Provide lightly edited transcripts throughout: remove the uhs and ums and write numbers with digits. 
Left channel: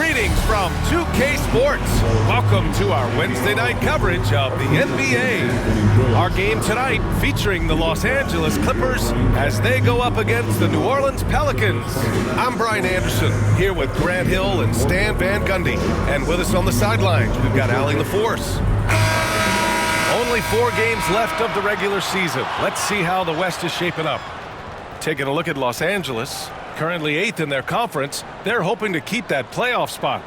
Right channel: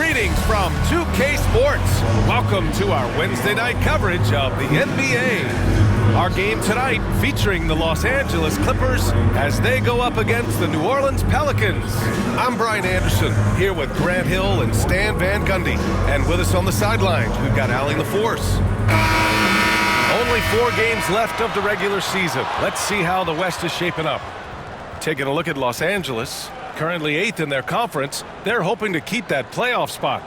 Greetings from 2K Sports. Welcome to our Wednesday night coverage of the NBA. Our game tonight featuring the Los Angeles Clippers as they go up against the New Orleans Pelicans. I'm Brian Anderson, here with Grant Hill and Stan Van Gundy. And with us on the sidelines, we've got Allie LaForce. Only 4 games left of the regular season. Let's see how the West is shaping up. Taking a look at Los Angeles, currently 8th in their conference, they're hoping to keep that playoff spot.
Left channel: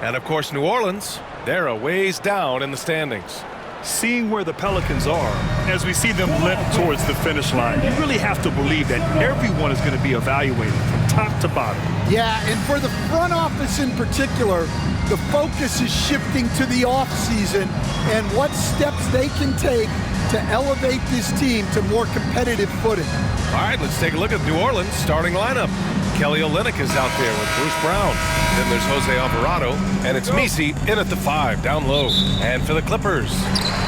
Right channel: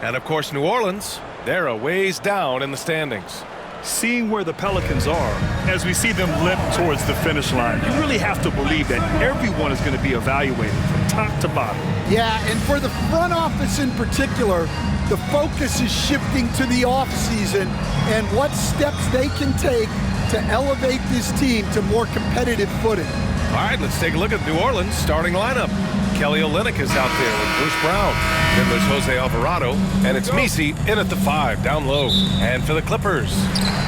And of course, New Orleans, they're a ways down in the standings. Seeing where the Pelicans are, as we see them limp towards the finish line, you really have to believe that everyone is going to be evaluated from top to bottom. Yeah, and for the front office in particular, the focus is shifting to the offseason and what steps they can take to elevate this team to more competitive footing. All right, let's take a look at New Orleans' starting lineup. Kelly Olynyk is out there with Bruce Brown. Then there's Jose Alvarado, and it's Messi in at the 5, down low. And for the Clippers,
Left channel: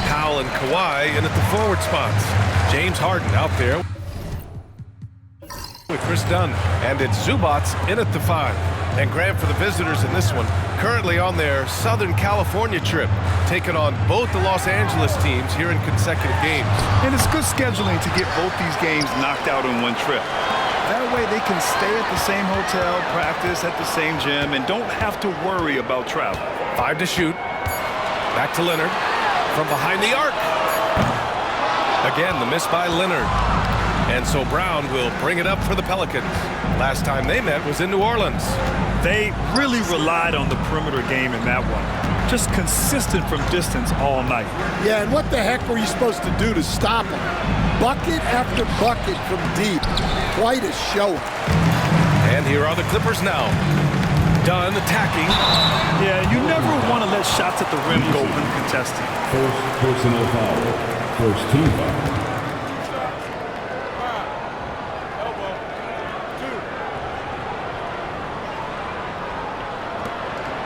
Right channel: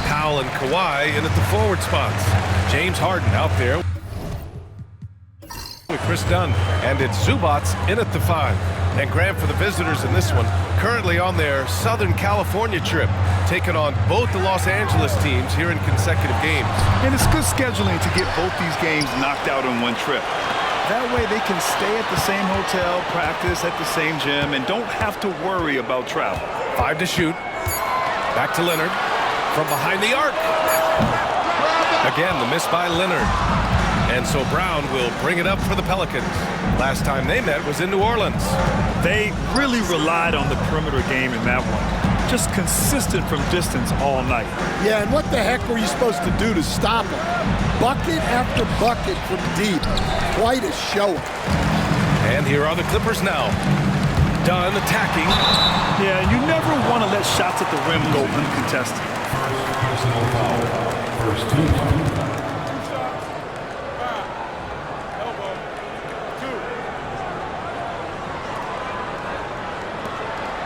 Powell and Kawhi in at the forward spots. James Harden out there with Chris Dunn, and it's Zubac in at the 5. And Grant for the visitors in this one, currently on their Southern California trip, taking on both the Los Angeles teams here in consecutive games. And it's good scheduling to get both these games knocked out in one trip. That way they can stay at the same hotel, practice at the same gym, and don't have to worry about travel. 5 to shoot. Back to Leonard. From behind the arc. Again, the miss by Leonard. And so Brown will bring it up for the Pelicans. Last time they met was in New Orleans. They really relied on the perimeter game in that one. Just consistent from distance all night. Yeah, and what the heck were you supposed to do to stop them? Bucket after bucket from deep. Quite a showing. And here are the Clippers now. Dunn attacking. Yeah, you never want to let shots at the rim go uncontested. First personal foul. First team foul.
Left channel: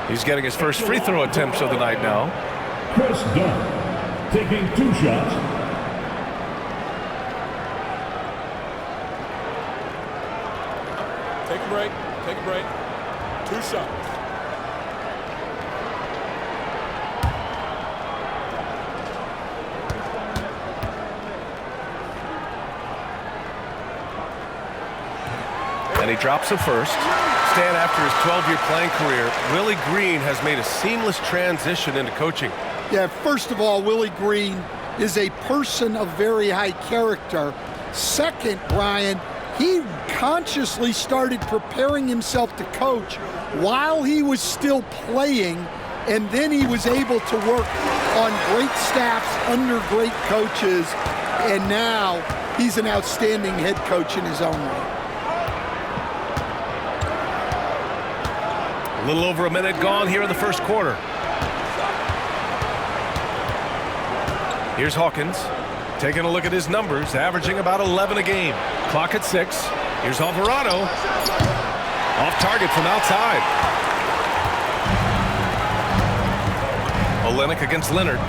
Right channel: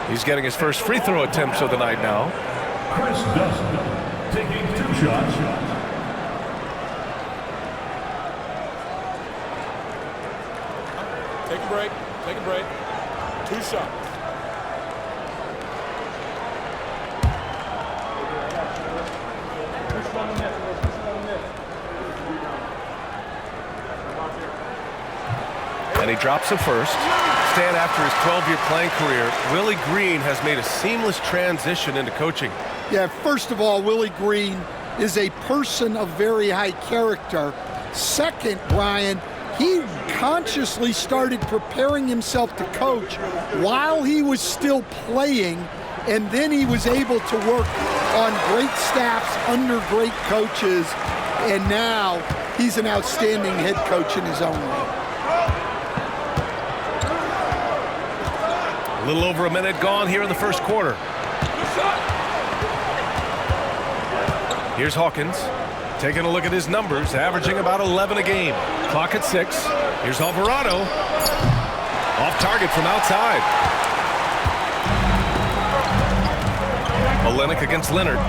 He's getting his first free throw attempts of the night now. Chris Dunn taking 2 shots. Take a break. Take a break. 2 shots. And he drops the first. Stan, after his 12-year playing career, Willie Green has made a seamless transition into coaching. Yeah, first of all, Willie Green is a person of very high character. Second, Brian, he consciously started preparing himself to coach while he was still playing, and then he was able to work on great staffs under great coaches, and now he's an outstanding head coach in his own right. A little over a minute gone here in the first quarter. Here's Hawkins. Taking a look at his numbers, averaging about 11 a game. Clock at 6. Here's Alvarado. Off target from outside. Olynyk against Leonard.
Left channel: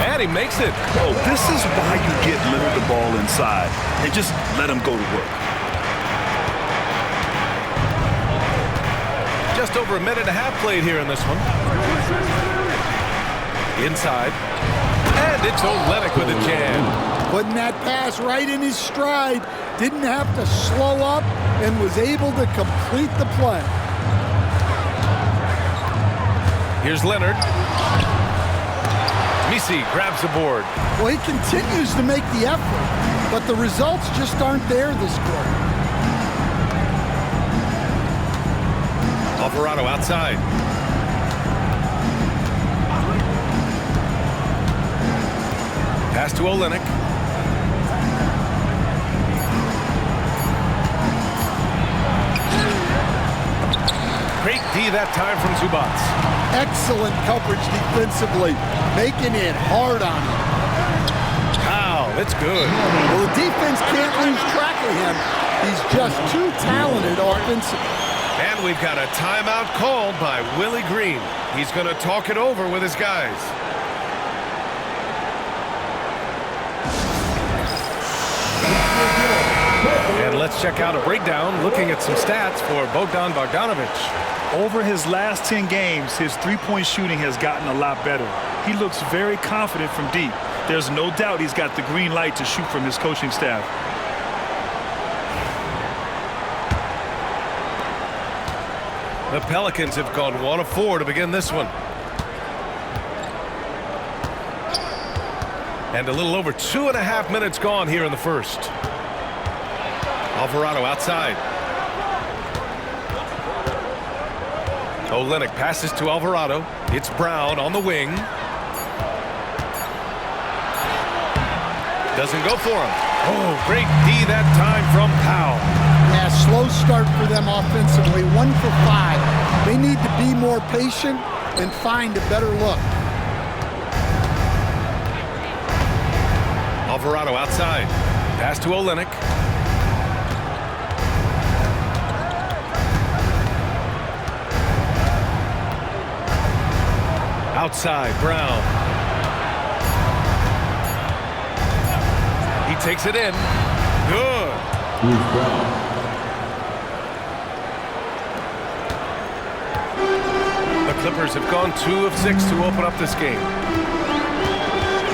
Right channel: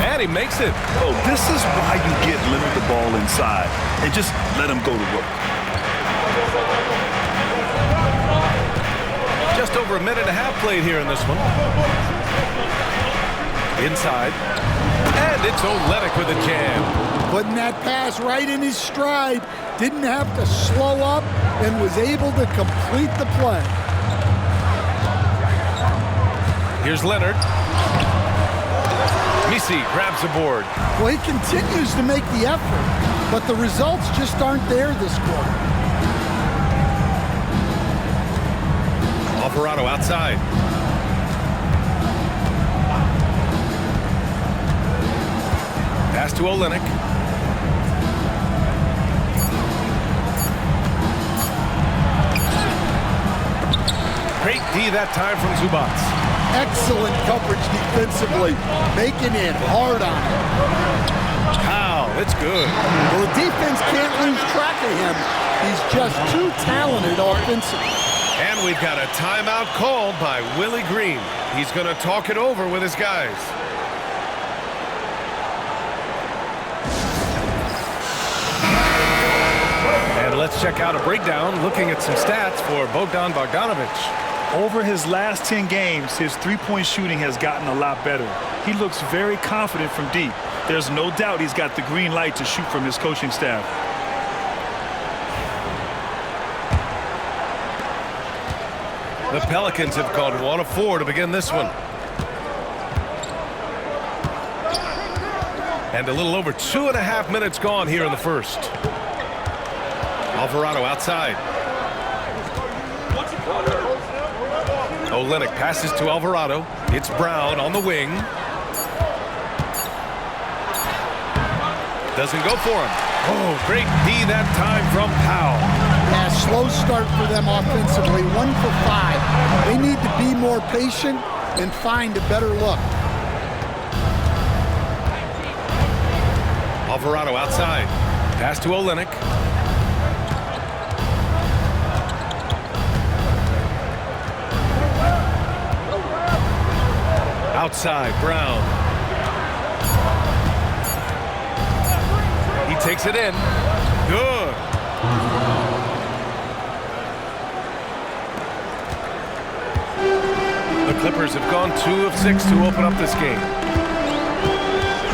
And he makes it. Oh, this is why you get Leonard the ball inside and just let him go to work. Just over a minute and a half played here in this one. Inside. And it's Olynyk with a jam. Putting that pass right in his stride. Didn't have to slow up and was able to complete the play. Here's Leonard. Messi grabs the board. Well, he continues to make the effort, but the results just aren't there this quarter. Alvarado outside. Pass to Olynyk. Great D that time from Zubac. Excellent coverage defensively, making it hard on him. Wow, that's good. Well, the defense can't lose track of him. He's just too talented offensively. And we've got a timeout called by Willie Green. He's going to talk it over with his guys. And let's check out a breakdown looking at some stats for Bogdan Bogdanovic. Over his last 10 games, his three-point shooting has gotten a lot better. He looks very confident from deep. There's no doubt he's got the green light to shoot from his coaching staff. The Pelicans have gone 1 of 4 to begin this one. And a little over 2.5 minutes gone here in the first. Alvarado outside. Olynyk passes to Alvarado. It's Brown on the wing. Doesn't go for him. Oh, great D that time from Powell. Yeah, slow start for them offensively. 1 for 5. They need to be more patient and find a better look. Alvarado outside. Pass to Olynyk. Outside, Brown. He takes it in. Good. Bruce Brown. The Clippers have gone 2 of 6 to open up this game.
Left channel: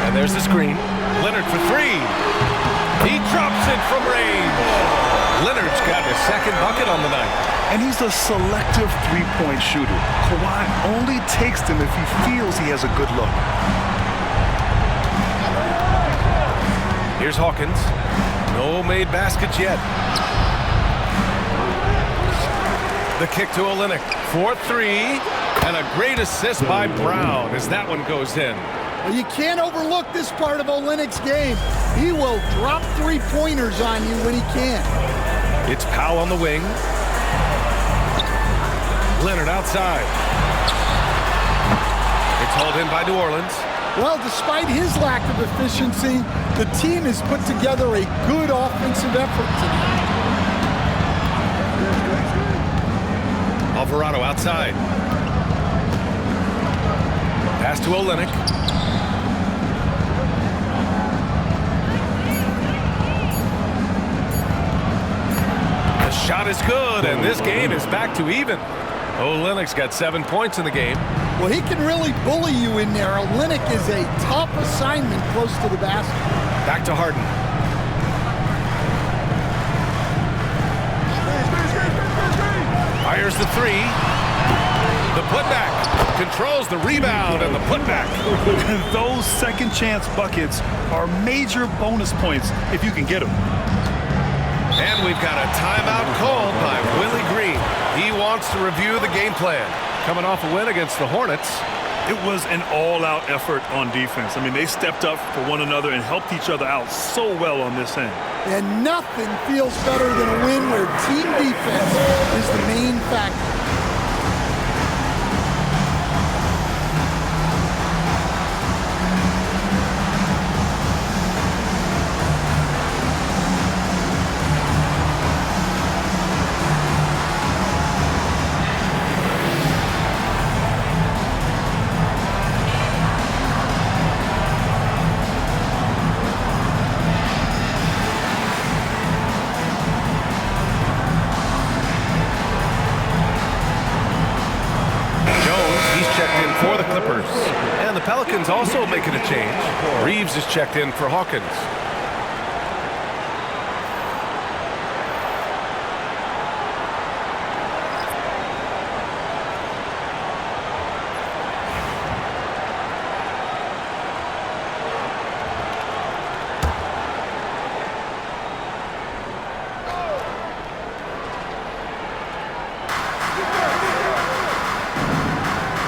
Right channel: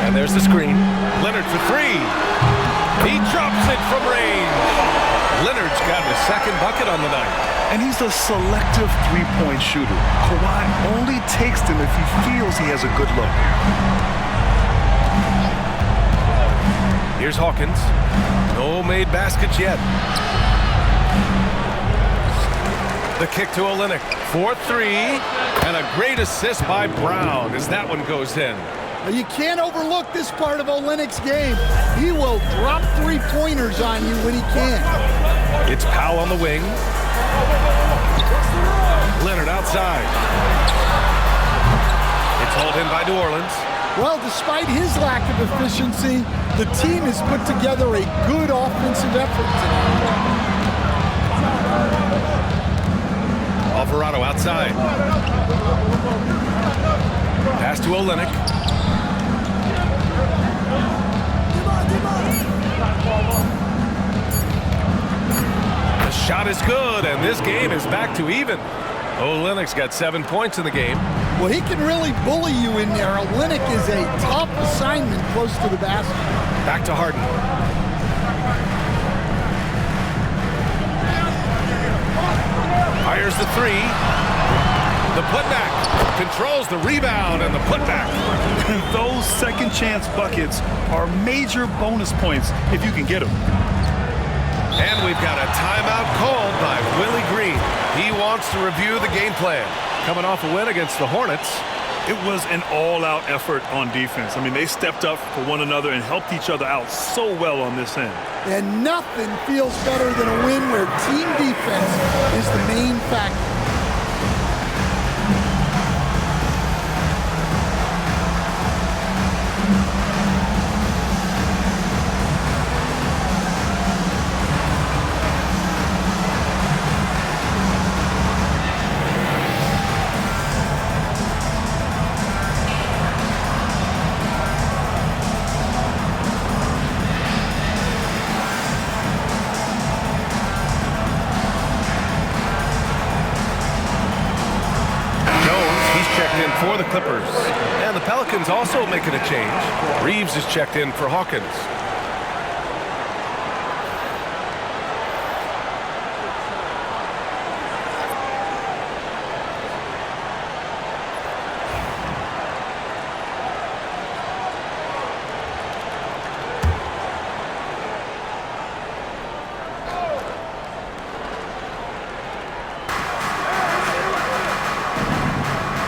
And there's the screen. Leonard for 3. He drops it from range. Leonard's got his second bucket on the night. And he's a selective three-point shooter. Kawhi only takes them if he feels he has a good look. Here's Hawkins. No made baskets yet. The kick to Olynyk. 4-3. And a great assist by Brown as that one goes in. Well, you can't overlook this part of Olynyk's game. He will drop three-pointers on you when he can. It's Powell on the wing. Leonard outside. It's hauled in by New Orleans. Well, despite his lack of efficiency, the team has put together a good offensive effort tonight. Alvarado outside. Pass to Olynyk. The shot is good, and this game is back to even. Olynyk's got 7 points in the game. Well, he can really bully you in there. Olynyk is a tough assignment close to the basket. Back to Harden. Fires the 3. The putback. Controls the rebound and the putback. Those second chance buckets are major bonus points if you can get them. And we've got a timeout called by Willie Green. He wants to review the game plan. Coming off a win against the Hornets. It was an all-out effort on defense. I mean, they stepped up for one another and helped each other out so well on this end. And nothing feels better than a win where team defense is the main factor. Checked in for the Clippers. And the Pelicans also making a change. Reeves is checked in for Hawkins.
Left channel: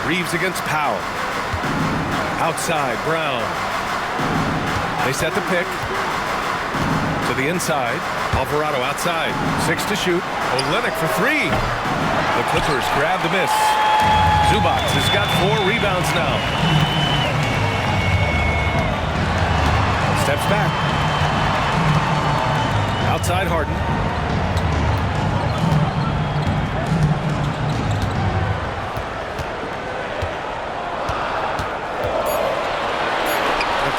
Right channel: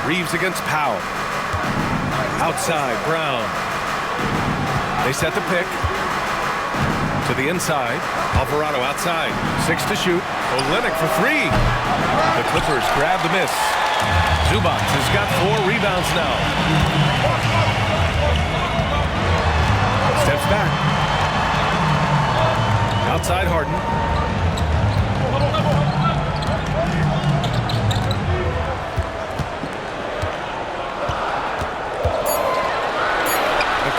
Reeves against Powell. Outside, Brown. They set the pick. To the inside. Alvarado outside. 6 to shoot. Olynyk for 3. The Clippers grab the miss. Zubac has got 4 rebounds now. Steps back. Outside Harden.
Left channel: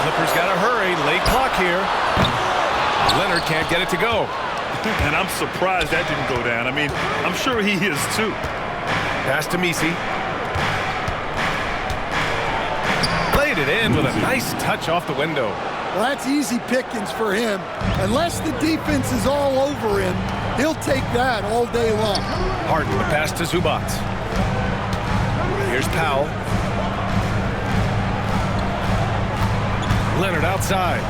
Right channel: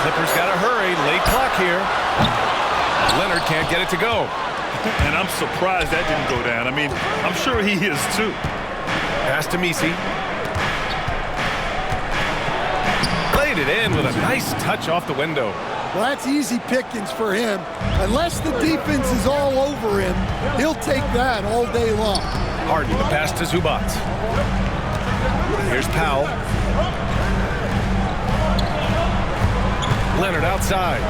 Clippers got to hurry. Late clock here. Leonard can't get it to go. And I'm surprised that didn't go down. I mean, I'm sure he is too. Pass to Misi. Played it in with a nice touch off the window. Well, that's easy pickings for him. Unless the defense is all over him, he'll take that all day long. Harden, the pass to Zubac. Here's Powell. Leonard outside.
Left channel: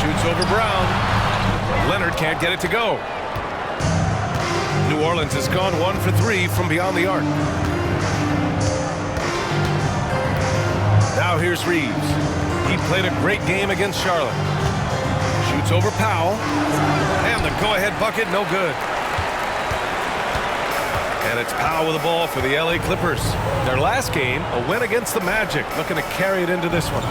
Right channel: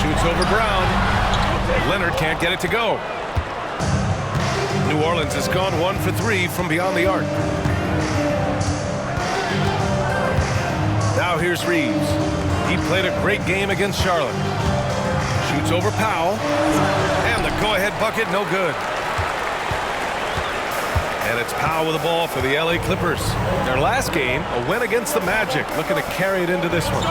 Shoots over Brown. Leonard can't get it to go. New Orleans has gone 1 for 3 from beyond the arc. Now here's Reeves. He played a great game against Charlotte. Shoots over Powell. And the go-ahead bucket, no good. And it's Powell with the ball for the LA Clippers. Their last game, a win against the Magic, looking to carry it into this one.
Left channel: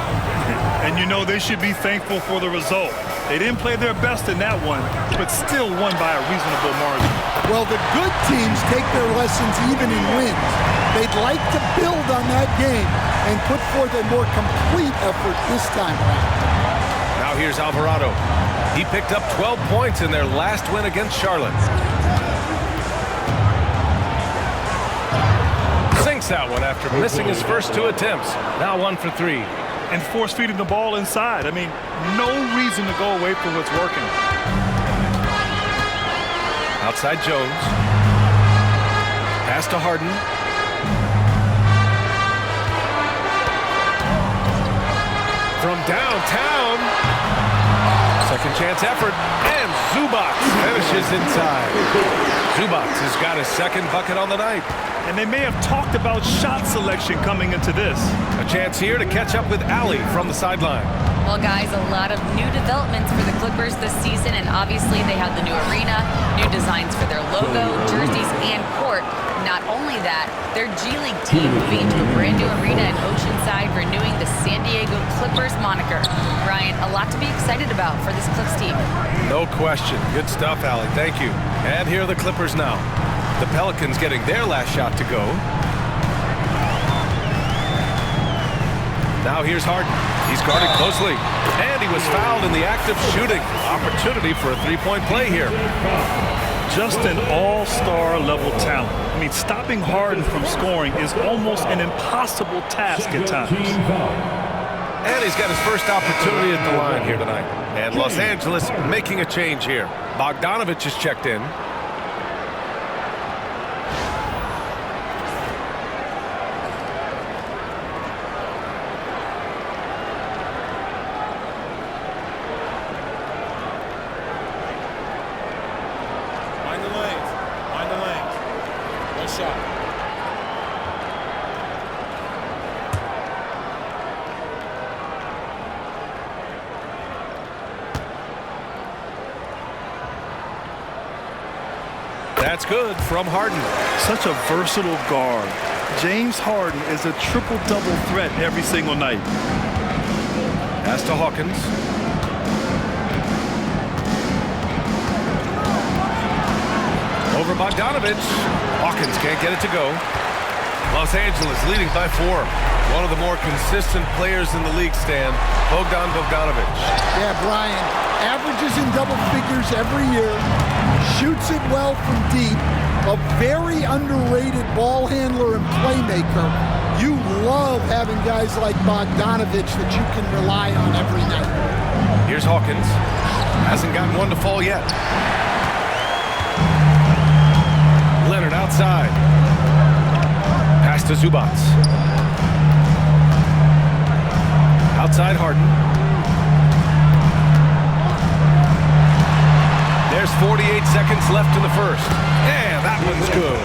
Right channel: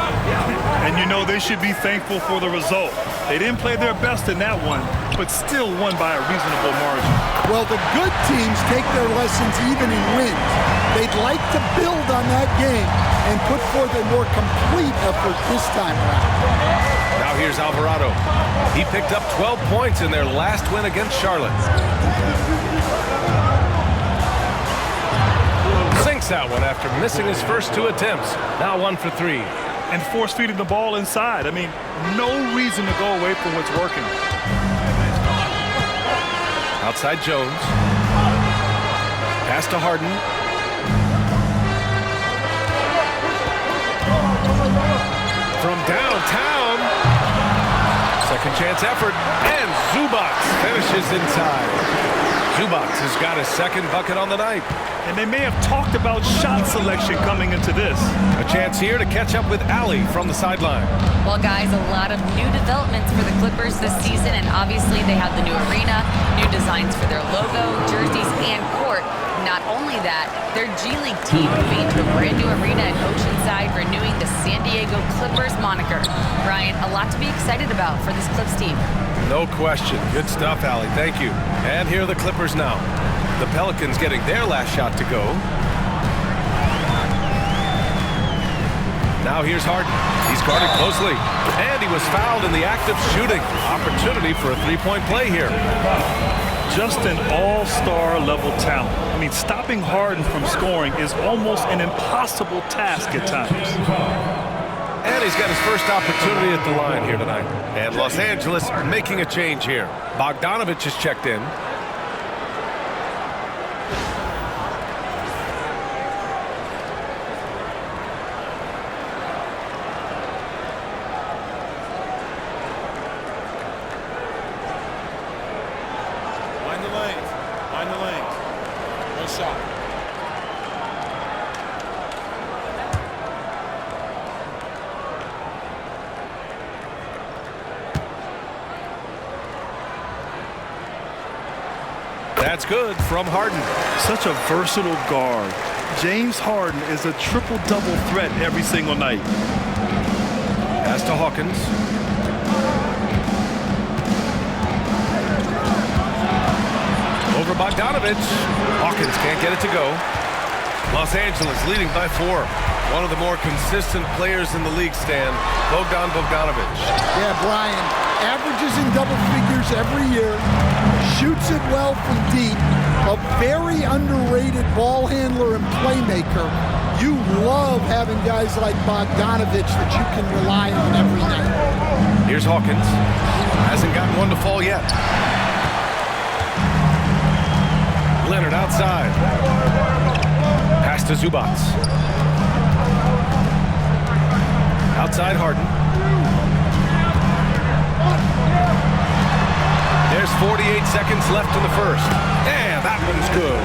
And you know they should be thankful for the result. They didn't play their best in that one, but still won by a reasonable margin. Well, the good teams take their lessons even in wins. They'd like to build on that game and put forth a more complete effort this time around. Now here's Alvarado. He picked up 12 points in their last win against Charlotte. Sinks that one after missing his first 2 attempts. Now 1 for 3. And force feeding the ball inside. I mean, no reason to go away from what's working. Outside Jones. Pass to Harden. From downtown. Second chance effort. And Zubac finishes inside. Zubac has got his second bucket on the night. And they may have talked about shot selection coming into this. A chance here to catch up with Allie from the sideline. Well, guys, a lot of new developments for the Clippers this season, and obviously they have the new arena, new designs for their logo, jerseys, and court. Not only that, their G League team moving into a brand new arena in Oceanside, renewing the San Diego Clippers moniker. Brian, a lot to be excited about for this Clips team. No question. Good stuff, Allie. Thank you. And here are the Clippers now. The Pelicans getting their last shot to go. Now here's Harden. He's guarded closely. And he was fouled in the act of shooting. Opportunity for a three-point play here. Just an all-star level talent. I mean, stopping Harden from scoring is almost an impossible task at times. And he's got his first opportunity at the line here tonight. And Los Angeles making a change here. Bogdanovich is checked in. Mind the lanes. Mind the lanes. One shot. That's good from Harden. Such a versatile guard. James Harden is a triple-double threat every single night. Pass to Hawkins. Over Bogdanovich. Hawkins can't get it to go. Los Angeles leading by 4. One of the more consistent players in the league, Stan, Bogdan Bogdanovich. Yeah, Brian, averages in double figures every year, shoots it well from deep, a very underrated ball handler and playmaker. You love having guys like Bogdanovich that you can rely on every night. Here's Hawkins. Hasn't gotten one to fall yet. Leonard outside. Pass to Zubac. Outside Harden. There's 48 seconds left in the first. And that one's good.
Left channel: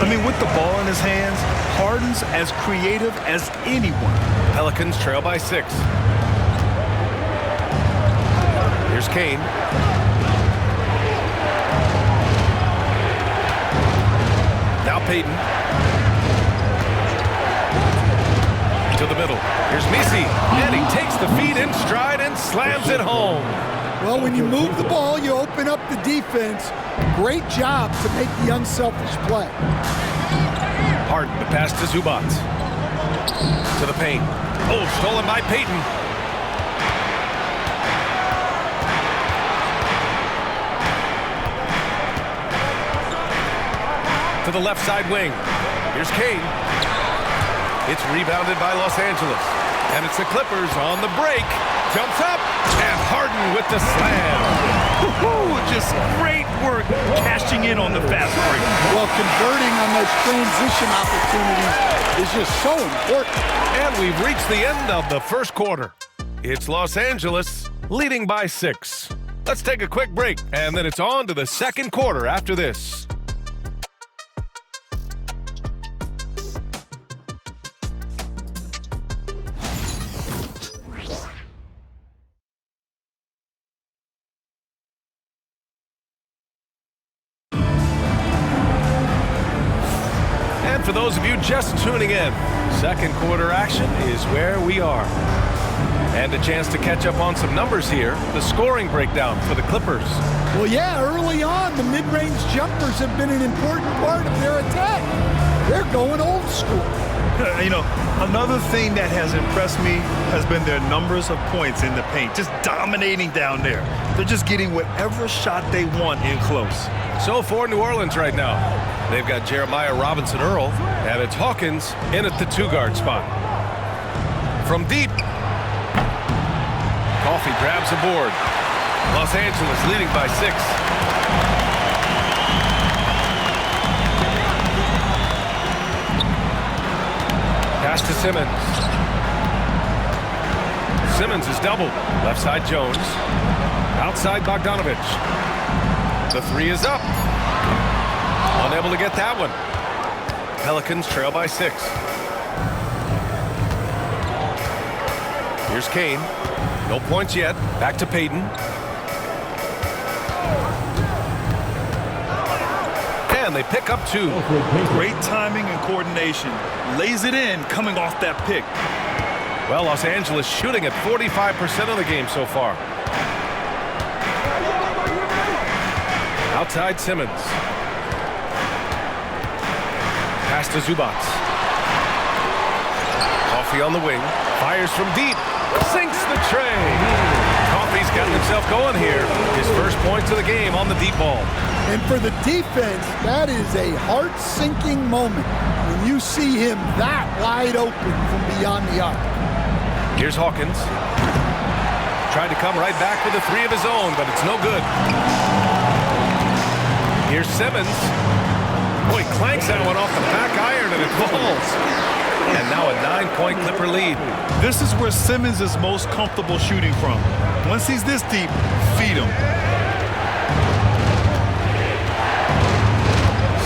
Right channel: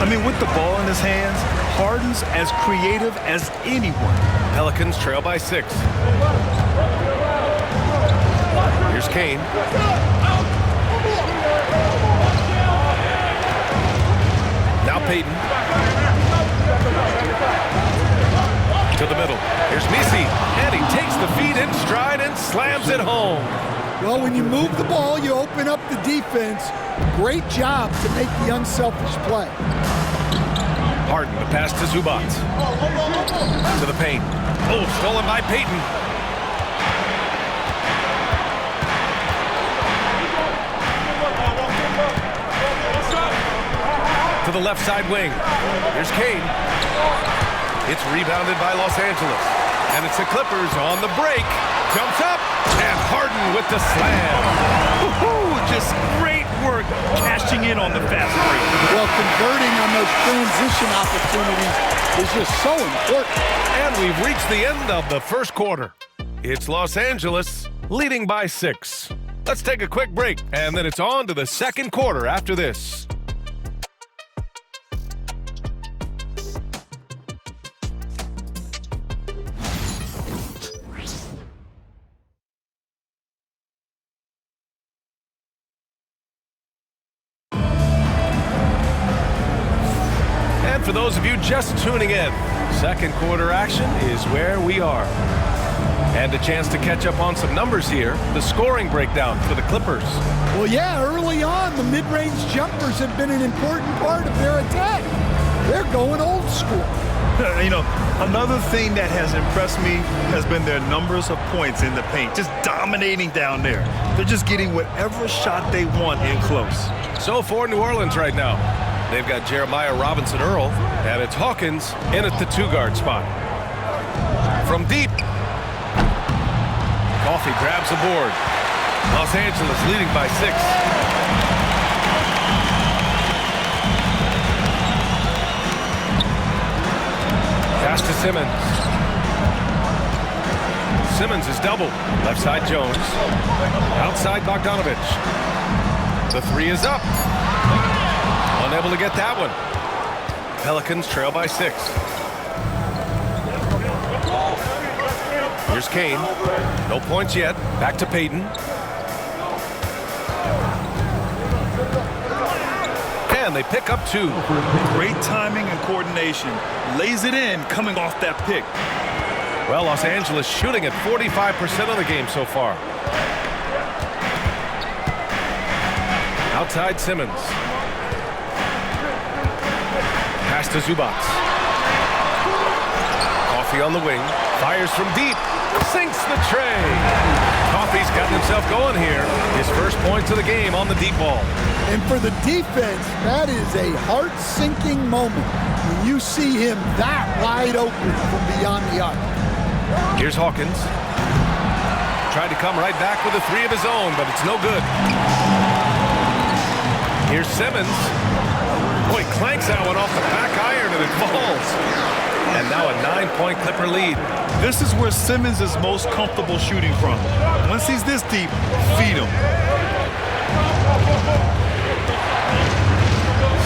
I mean, with the ball in his hands, Harden's as creative as anyone. Pelicans trail by 6. Here's Kane. Now Payton. To the middle. Here's Misi. And he takes the feed in stride and slams it home. Well, when you move the ball, you open up the defense. Great job to make the unselfish play. Harden, the pass to Zubac. To the paint. Oh, stolen by Payton. to the left side wing. Here's Kane. It's rebounded by Los Angeles. And it's the Clippers on the break. Jumps up, and Harden with the slam. Woo-hoo, just great work cashing in on the fast break. Well, converting on those transition opportunities is just so important. And we've reached the end of the first quarter. It's Los Angeles leading by 6. Let's take a quick break, and then it's on to the second quarter after this. And for those of you just tuning in, second quarter action is where we are. And a chance to catch up on some numbers here. The scoring breakdown for the Clippers. Well, yeah, early on, the mid-range jumpers have been an important part of their attack. They're going old school. You know, another thing that has impressed me has been their numbers of points in the paint, just dominating down there. They're just getting whatever shot they want in close. So for New Orleans right now, they've got Jeremiah Robinson-Earl, and it's Hawkins in at the 2-guard spot. From deep, Coffey grabs the board. Los Angeles leading by 6. Pass to Simmons. Simmons is doubled. Left side Jones. Outside Bogdanovic. The 3 is up. Unable to get that one. Pelicans trail by 6. Here's Kane. No points yet. Back to Payton. And they pick up 2. Great timing and coordination. Lays it in coming off that pick. Well, Los Angeles shooting at 45% of the game so far. Outside Simmons. Pass to Zubac. Coffey on the wing. Fires from deep. Sinks the tray. Coffey's gotten himself going here. His first points of the game on the deep ball. And for the defense, that is a heart-sinking moment when you see him that wide open from beyond the arc. Here's Hawkins. Tried to come right back with a 3 of his own, but it's no good. Here's Simmons. Boy, clanks that one off the back iron and it falls. And now a 9-point Clipper lead. This is where Simmons is most comfortable shooting from. Once he's this deep, feed him.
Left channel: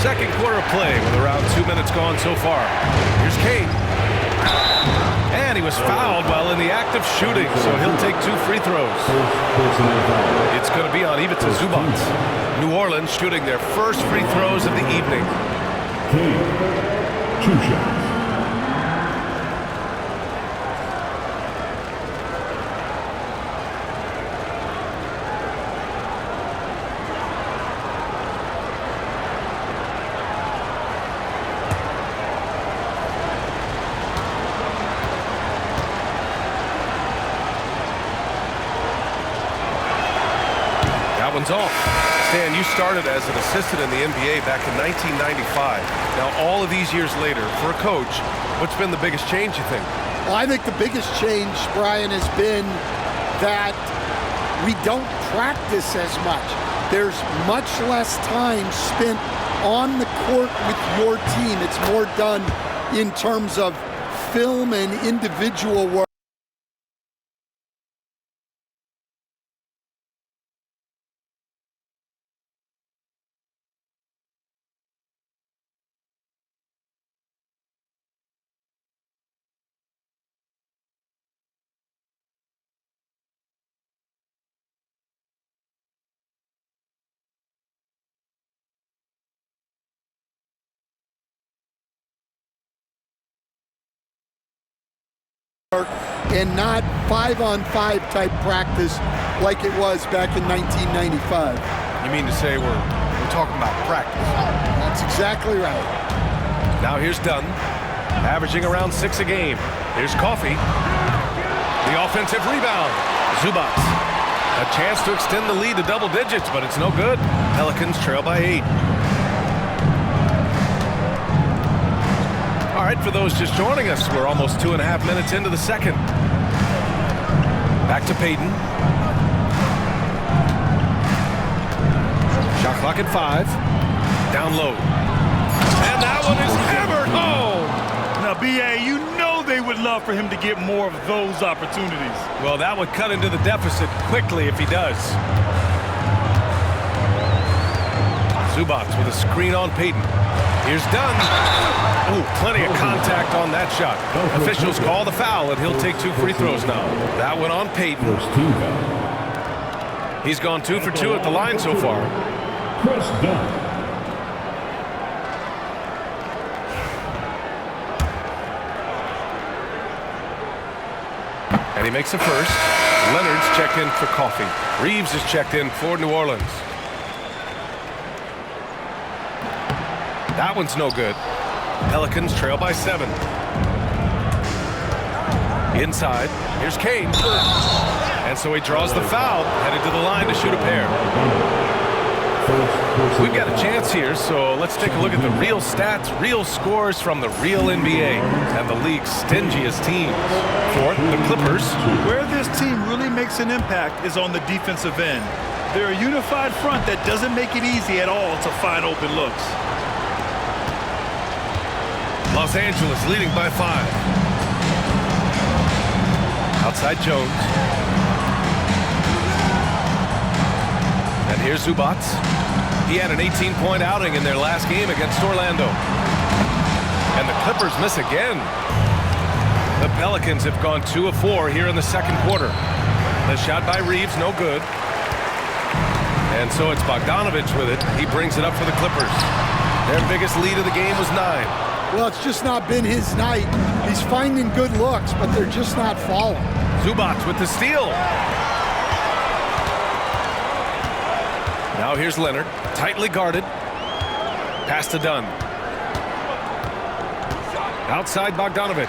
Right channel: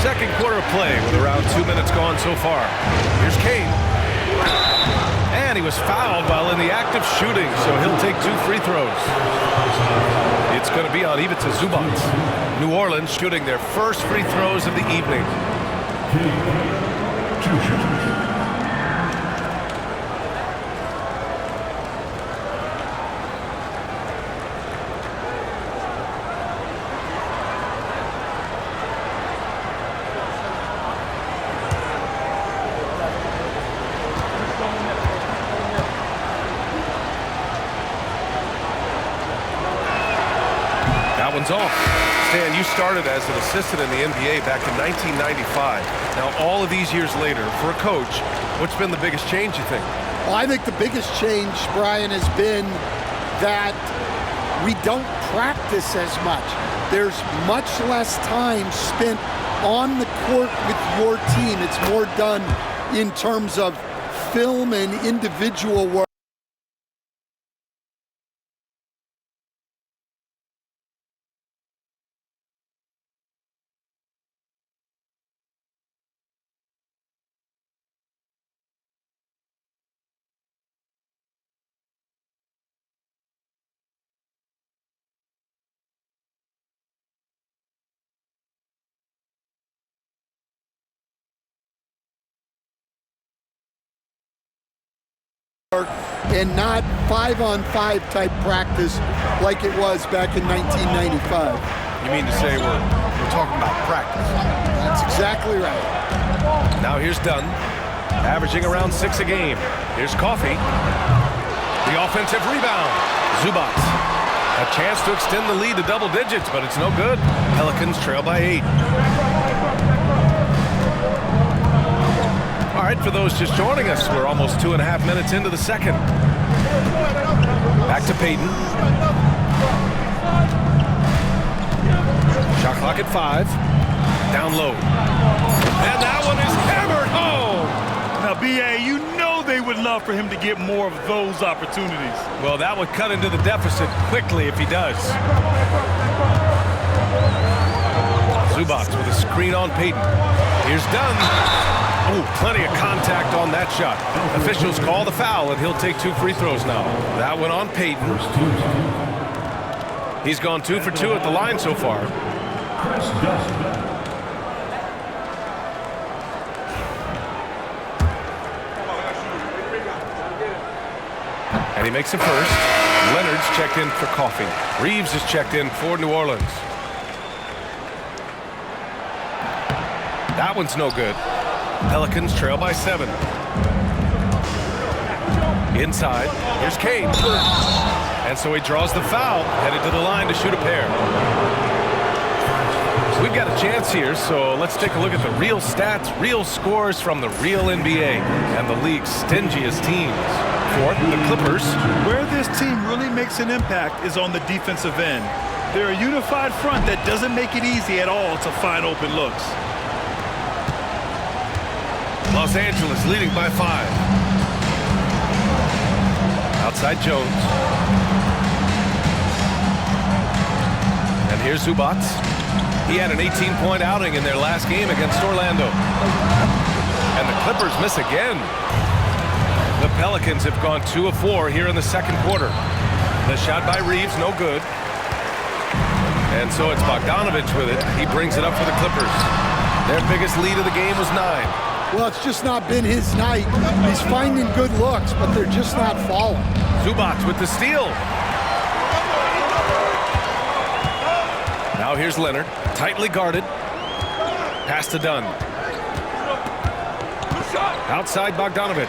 Second quarter play with around 2 minutes gone so far. Here's Kane. And he was fouled while in the act of shooting, so he'll take 2 free throws. It's going to be on Ivica Zubac. New Orleans shooting their first free throws of the evening. Kane, 2 shots. That one's off. Stan, you started as an assistant in the NBA back in 1995. Now, all of these years later, for a coach, what's been the biggest change, you think? Well, I think the biggest change, Brian, has been that we don't practice as much. There's much less time spent on the court with your team. It's more done in terms of film and individual work. And not 5-on-5 type practice like it was back in 1995. You mean to say we're talking about practice? That's exactly right. Now here's Dunn, averaging around 6 a game. Here's Coffey. The offensive rebound. Zubac. A chance to extend the lead to double digits, but it's no good. Pelicans trail by 8. right, for those just joining us, we're almost 2.5 minutes into the second. Back to Payton. Shot clock at 5. Down low. And that one is hammered home. Now, B.A., you know they would love for him to get more of those opportunities. Well, that would cut into the deficit quickly if he does. Zubac with a screen on Payton. Here's Dunn. Oh, plenty of contact on that shot. Officials call the foul, and he'll take 2 free throws now. That one on Payton. First team foul. He's gone 2 for 2 at the line so far. Chris Dunn. And he makes a first. Leonard's checked in for Coffee. Reeves is checked in for New Orleans. That one's no good. Pelicans trail by 7. Inside, here's Kane. And so he draws the foul, headed to the line to shoot a pair. We've got a chance here, so let's take a look at the real stats, real scores from the real NBA and the league's stingiest teams. Fourth, the Clippers. Where this team really makes an impact is on the defensive end. They're a unified front that doesn't make it easy at all to find open looks. Los Angeles leading by 5. Outside Jones. And here's Zubac. He had an 18-point outing in their last game against Orlando. And the Clippers miss again. The Pelicans have gone 2 of 4 here in the second quarter. The shot by Reeves, no good. And so it's Bogdanovich with it. He brings it up for the Clippers. Their biggest lead of the game was 9. Well, it's just not been his night. He's finding good looks, but they're just not falling. Zubac with the steal. Now here's Leonard, tightly guarded. Pass to Dunn. Outside Bogdanovich.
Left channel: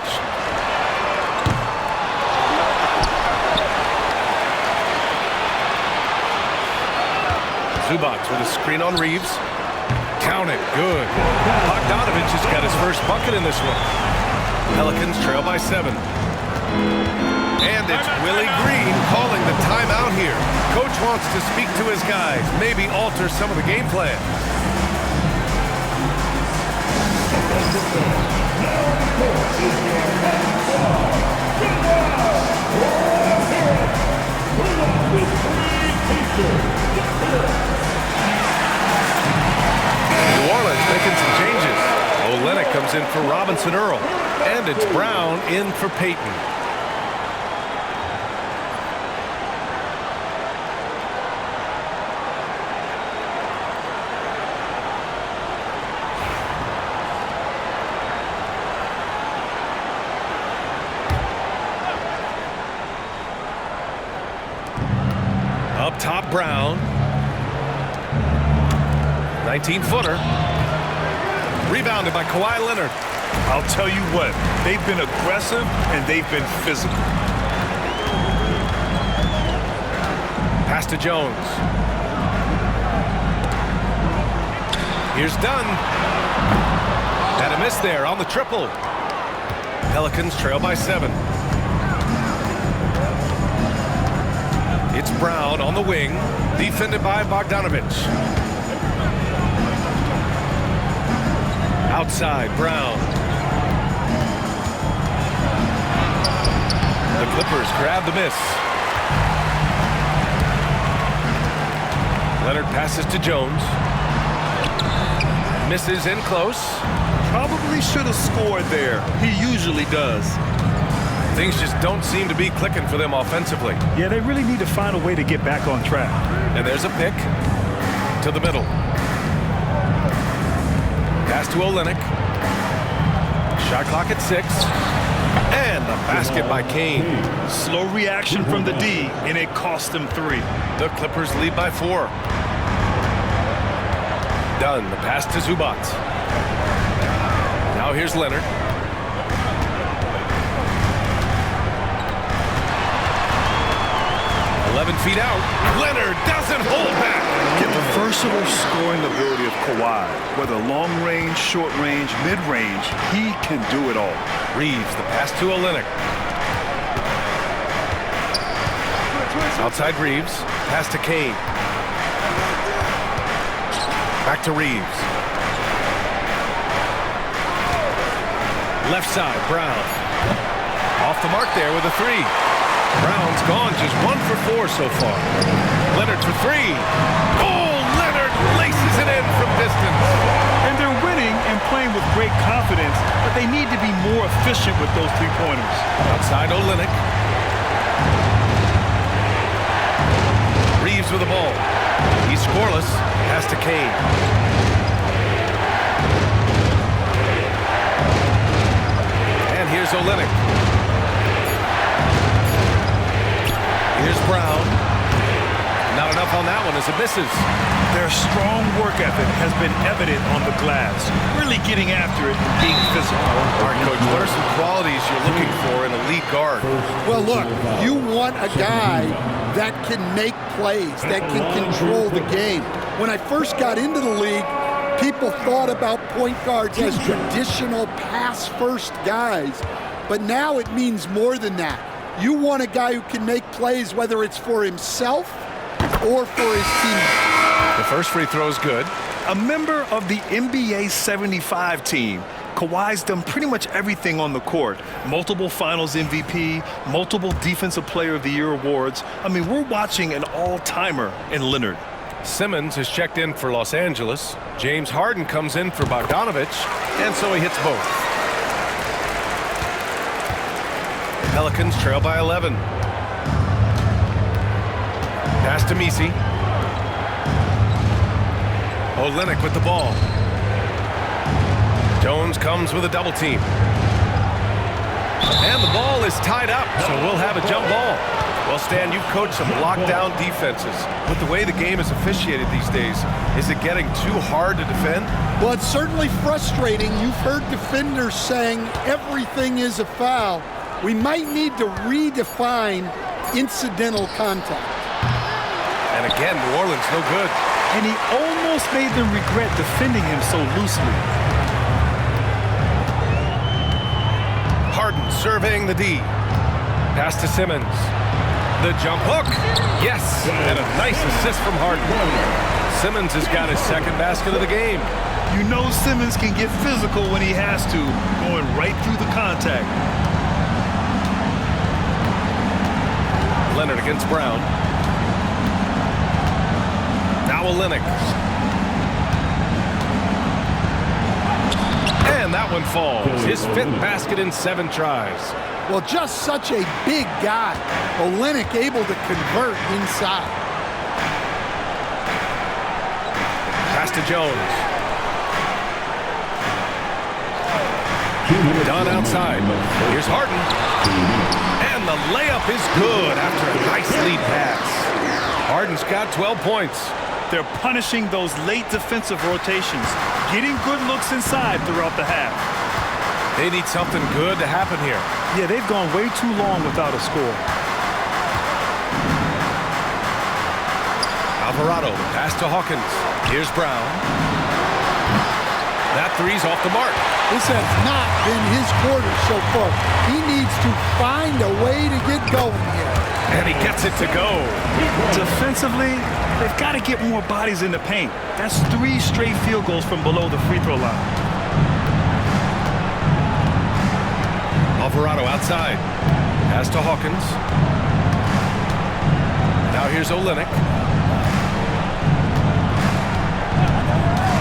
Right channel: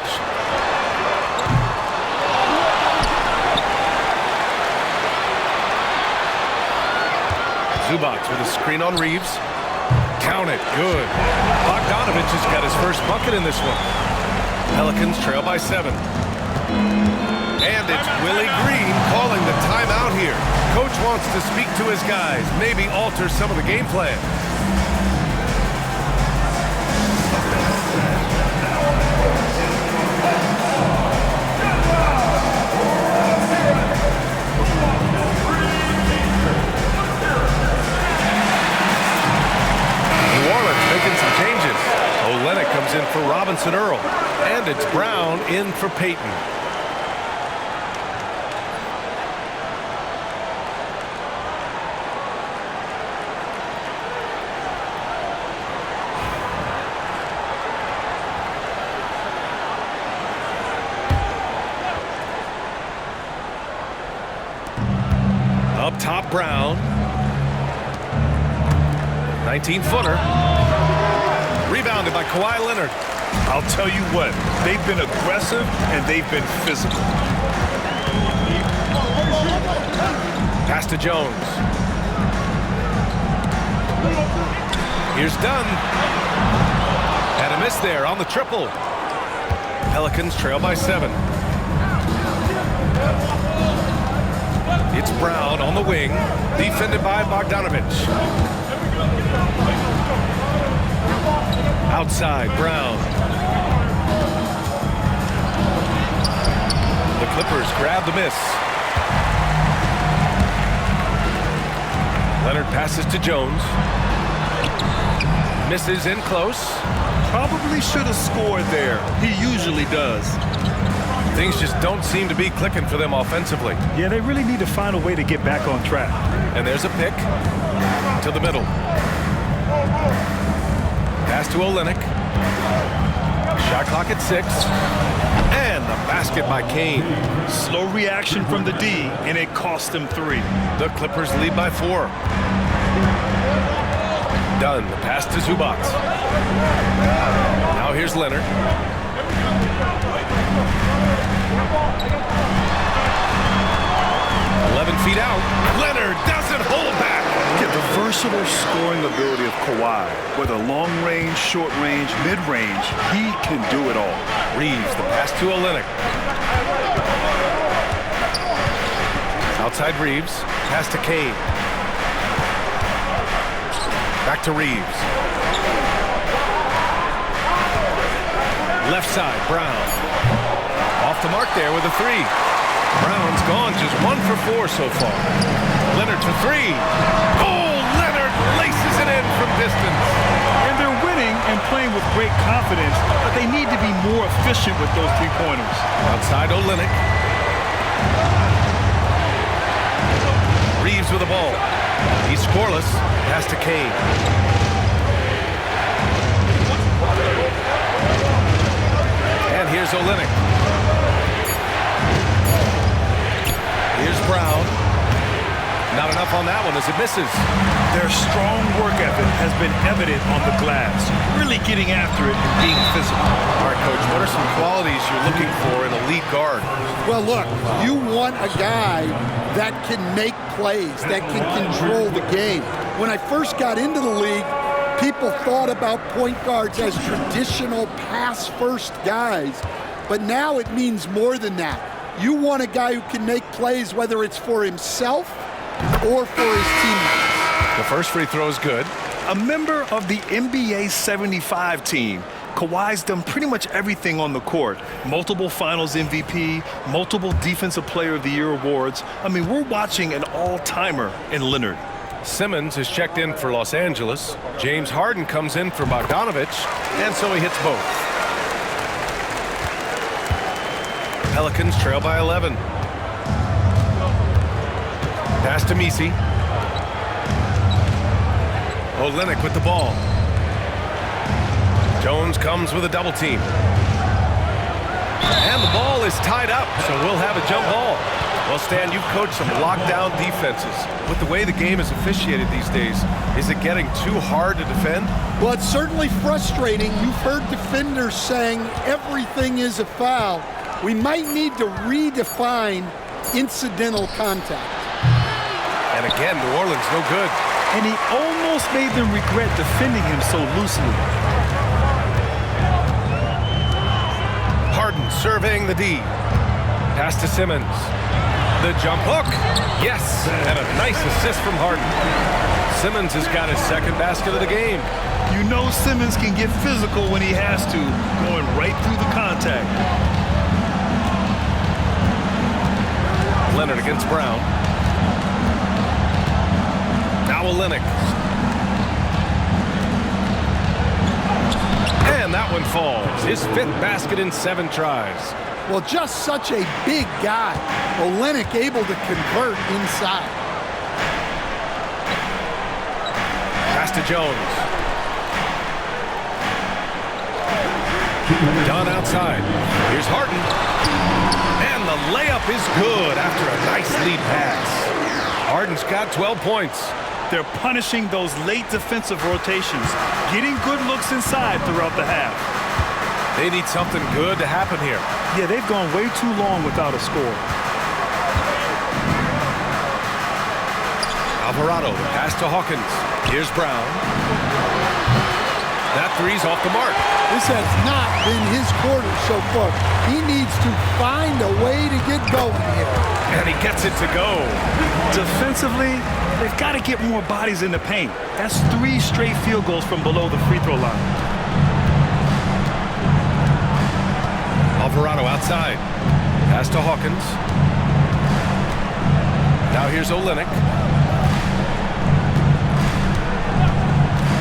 Zubac with a screen on Reeves. Count it, good. Bogdanovich has got his first bucket in this one. Pelicans trail by 7. And it's Willie Green calling the timeout here. Coach wants to speak to his guys, maybe alter some of the game plan. New Orleans making some changes. Olynyk comes in for Robinson Earl. And it's Brown in for Payton. Up top, Brown. 19-footer. Rebounded by Kawhi Leonard. I'll tell you what, they've been aggressive and they've been physical. Pass to Jones. Here's Dunn. Had a miss there on the triple. Pelicans trail by 7. It's Brown on the wing, defended by Bogdanovich. Outside, Brown. The Clippers grab the miss. Leonard passes to Jones. Misses in close. Probably should have scored there. He usually does. Things just don't seem to be clicking for them offensively. Yeah, they really need to find a way to get back on track. And there's a pick to the middle. Pass to Olynyk. Shot clock at 6. And the basket by Kane. Slow reaction from the D, and it cost them 3. The Clippers lead by 4. Dunn, the pass to Zubac. Now here's Leonard. "11 feet out. Leonard doesn't hold back. Yeah, the versatile scoring ability of Kawhi, whether long range, short range, mid range, he can do it all. Reeves, the pass to Olynyk. Outside Reeves, pass to Kane. Back to Reeves. Left side, Brown. Off the mark there with a three. Brown's gone just 1 for 4 so far. Leonard for three. Oh, Leonard laces it in from distance. And they're winning and playing with great confidence, but they need to be more efficient with those three-pointers. Outside Olynyk. Reeves with the ball. He's scoreless. Pass to Kane. And here's Olynyk. Here's Brown. Not enough on that one as it misses. Their strong work ethic has been evident on the glass, really getting after it and being physical. All right, Coach, what are some qualities you're looking for in a lead guard? Well, look, you want a guy that can make plays, that can control the game. When I first got into the league, people thought about point guards as traditional pass-first guys, but now it means more than that. You want a guy who can make plays, whether it's for himself or for his teammates. The first free throw is good. A member of the NBA 75 team, Kawhi's done pretty much everything on the court. Multiple Finals MVP, multiple Defensive Player of the Year awards. I mean, we're watching an all-timer in Leonard. Simmons is checked in for Los Angeles. James Harden comes in for Bogdanovich, and so he hits both. Pelicans trail by 11. Pass to Messi. Olynyk with the ball. Jones comes with a double team. And the ball is tied up, so we'll have a jump ball. Well, Stan, you've coached some lockdown defenses. With the way the game is officiated these days, is it getting too hard to defend? Well, it's certainly frustrating. You've heard defenders saying everything is a foul. We might need to redefine incidental contact. And again, New Orleans no good. And he almost made them regret defending him so loosely. Harden surveying the D. Pass to Simmons. The jump hook. Yes, and a nice assist from Harden. Simmons has got his second basket of the game. You know Simmons can get physical when he has to, going right through the contact. Leonard against Brown. Now Olynyk. And that one falls. His fifth basket in 7 tries. Well, just such a big guy. Olynyk able to convert inside. Pass to Jones. Done outside. Here's Harden. And the layup is good after a nice lead pass. Harden's got 12 points. They're punishing those late defensive rotations, getting good looks inside throughout the half. They need something good to happen here. Yeah, they've gone way too long without a score. Alvarado, the pass to Hawkins. Here's Brown. That three's off the mark. This has not been his quarter so far. He needs to find a way to get going here. And he gets it to go. Defensively, they've got to get more bodies in the paint. That's 3 straight field goals from below the free throw line. Alvarado outside. Pass to Hawkins. Now here's Olynyk.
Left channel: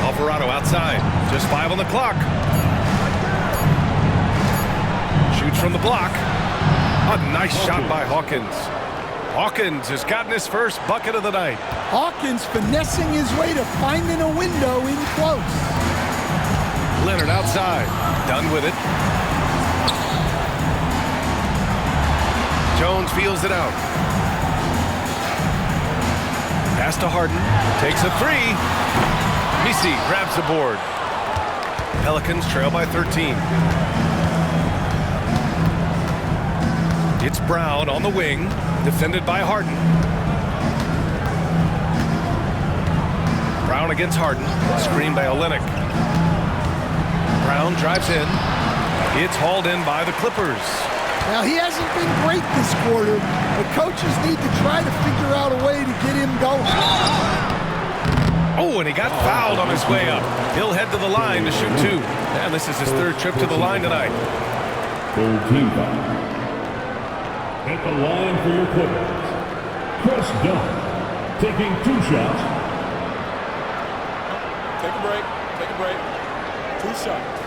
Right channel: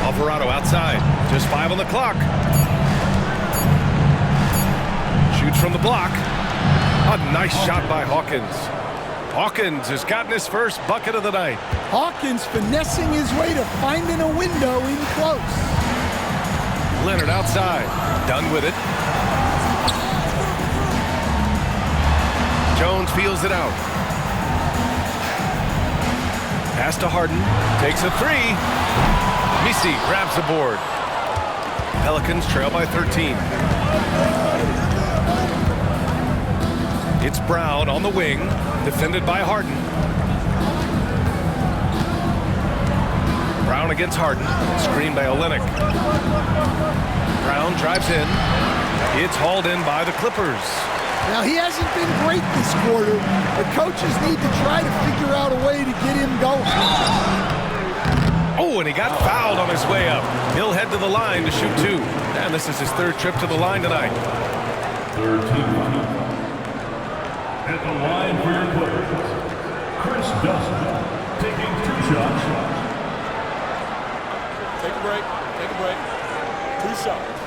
Alvarado outside. Just 5 on the clock. Shoots from the block. A nice shot by Hawkins. Hawkins has gotten his first bucket of the night. Hawkins finessing his way to finding a window in close. Leonard outside. Done with it. Jones feels it out. Pass to Harden. Takes a 3. Messi grabs the board. Pelicans trail by 13. It's Brown on the wing, defended by Harden. Brown against Harden. Screen by Olynyk. Brown drives in. It's hauled in by the Clippers. Now, he hasn't been great this quarter, but coaches need to try to figure out a way to get him going. Oh, and he got fouled on his way up. He'll head to the line to shoot 2. And this is his 3rd trip to the line tonight. 3rd team foul. At the line for your Clippers, Chris Dunn, taking 2 shots. Take a break. Take a break. 2 shots.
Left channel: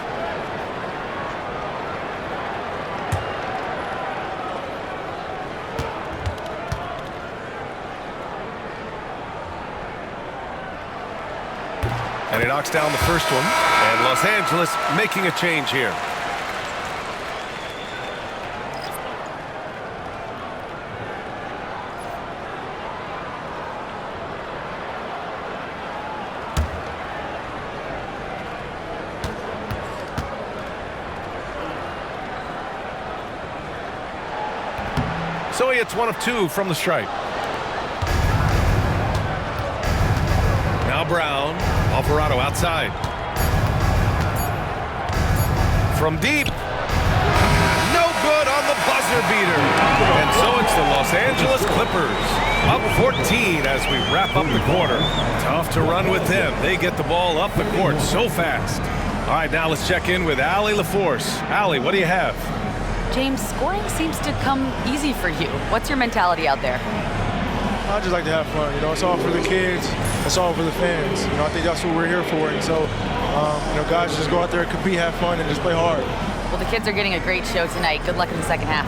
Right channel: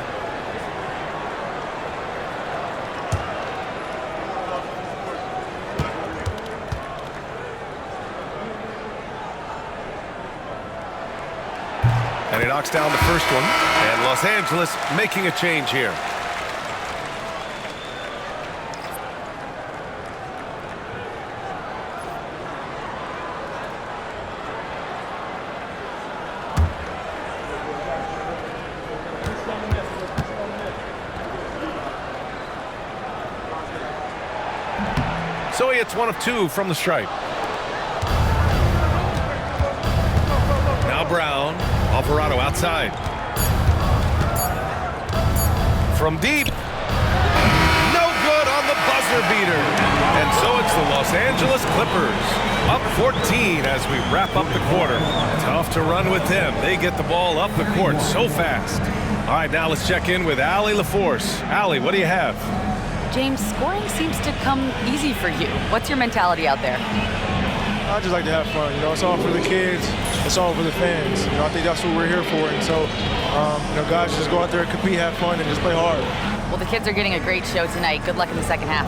And he knocks down the first one. And Los Angeles making a change here. So he hits 1 of 2 from the stripe. Now Brown. Alvarado outside. From deep. No good on the buzzer beater. And so it's the Los Angeles Clippers. Up 14 as we wrap up the quarter. Tough to run with them. They get the ball up the court so fast. All right, now let's check in with Allie LaForce. Allie, what do you have? James, scoring seems to come easy for you. What's your mentality out there? I just like to have fun. It's all for the kids. It's all for the fans. I think that's what we're here for. And so, guys, just go out there and compete, have fun, and just play hard. Well, the kids are getting a great show tonight. Good luck in the second half.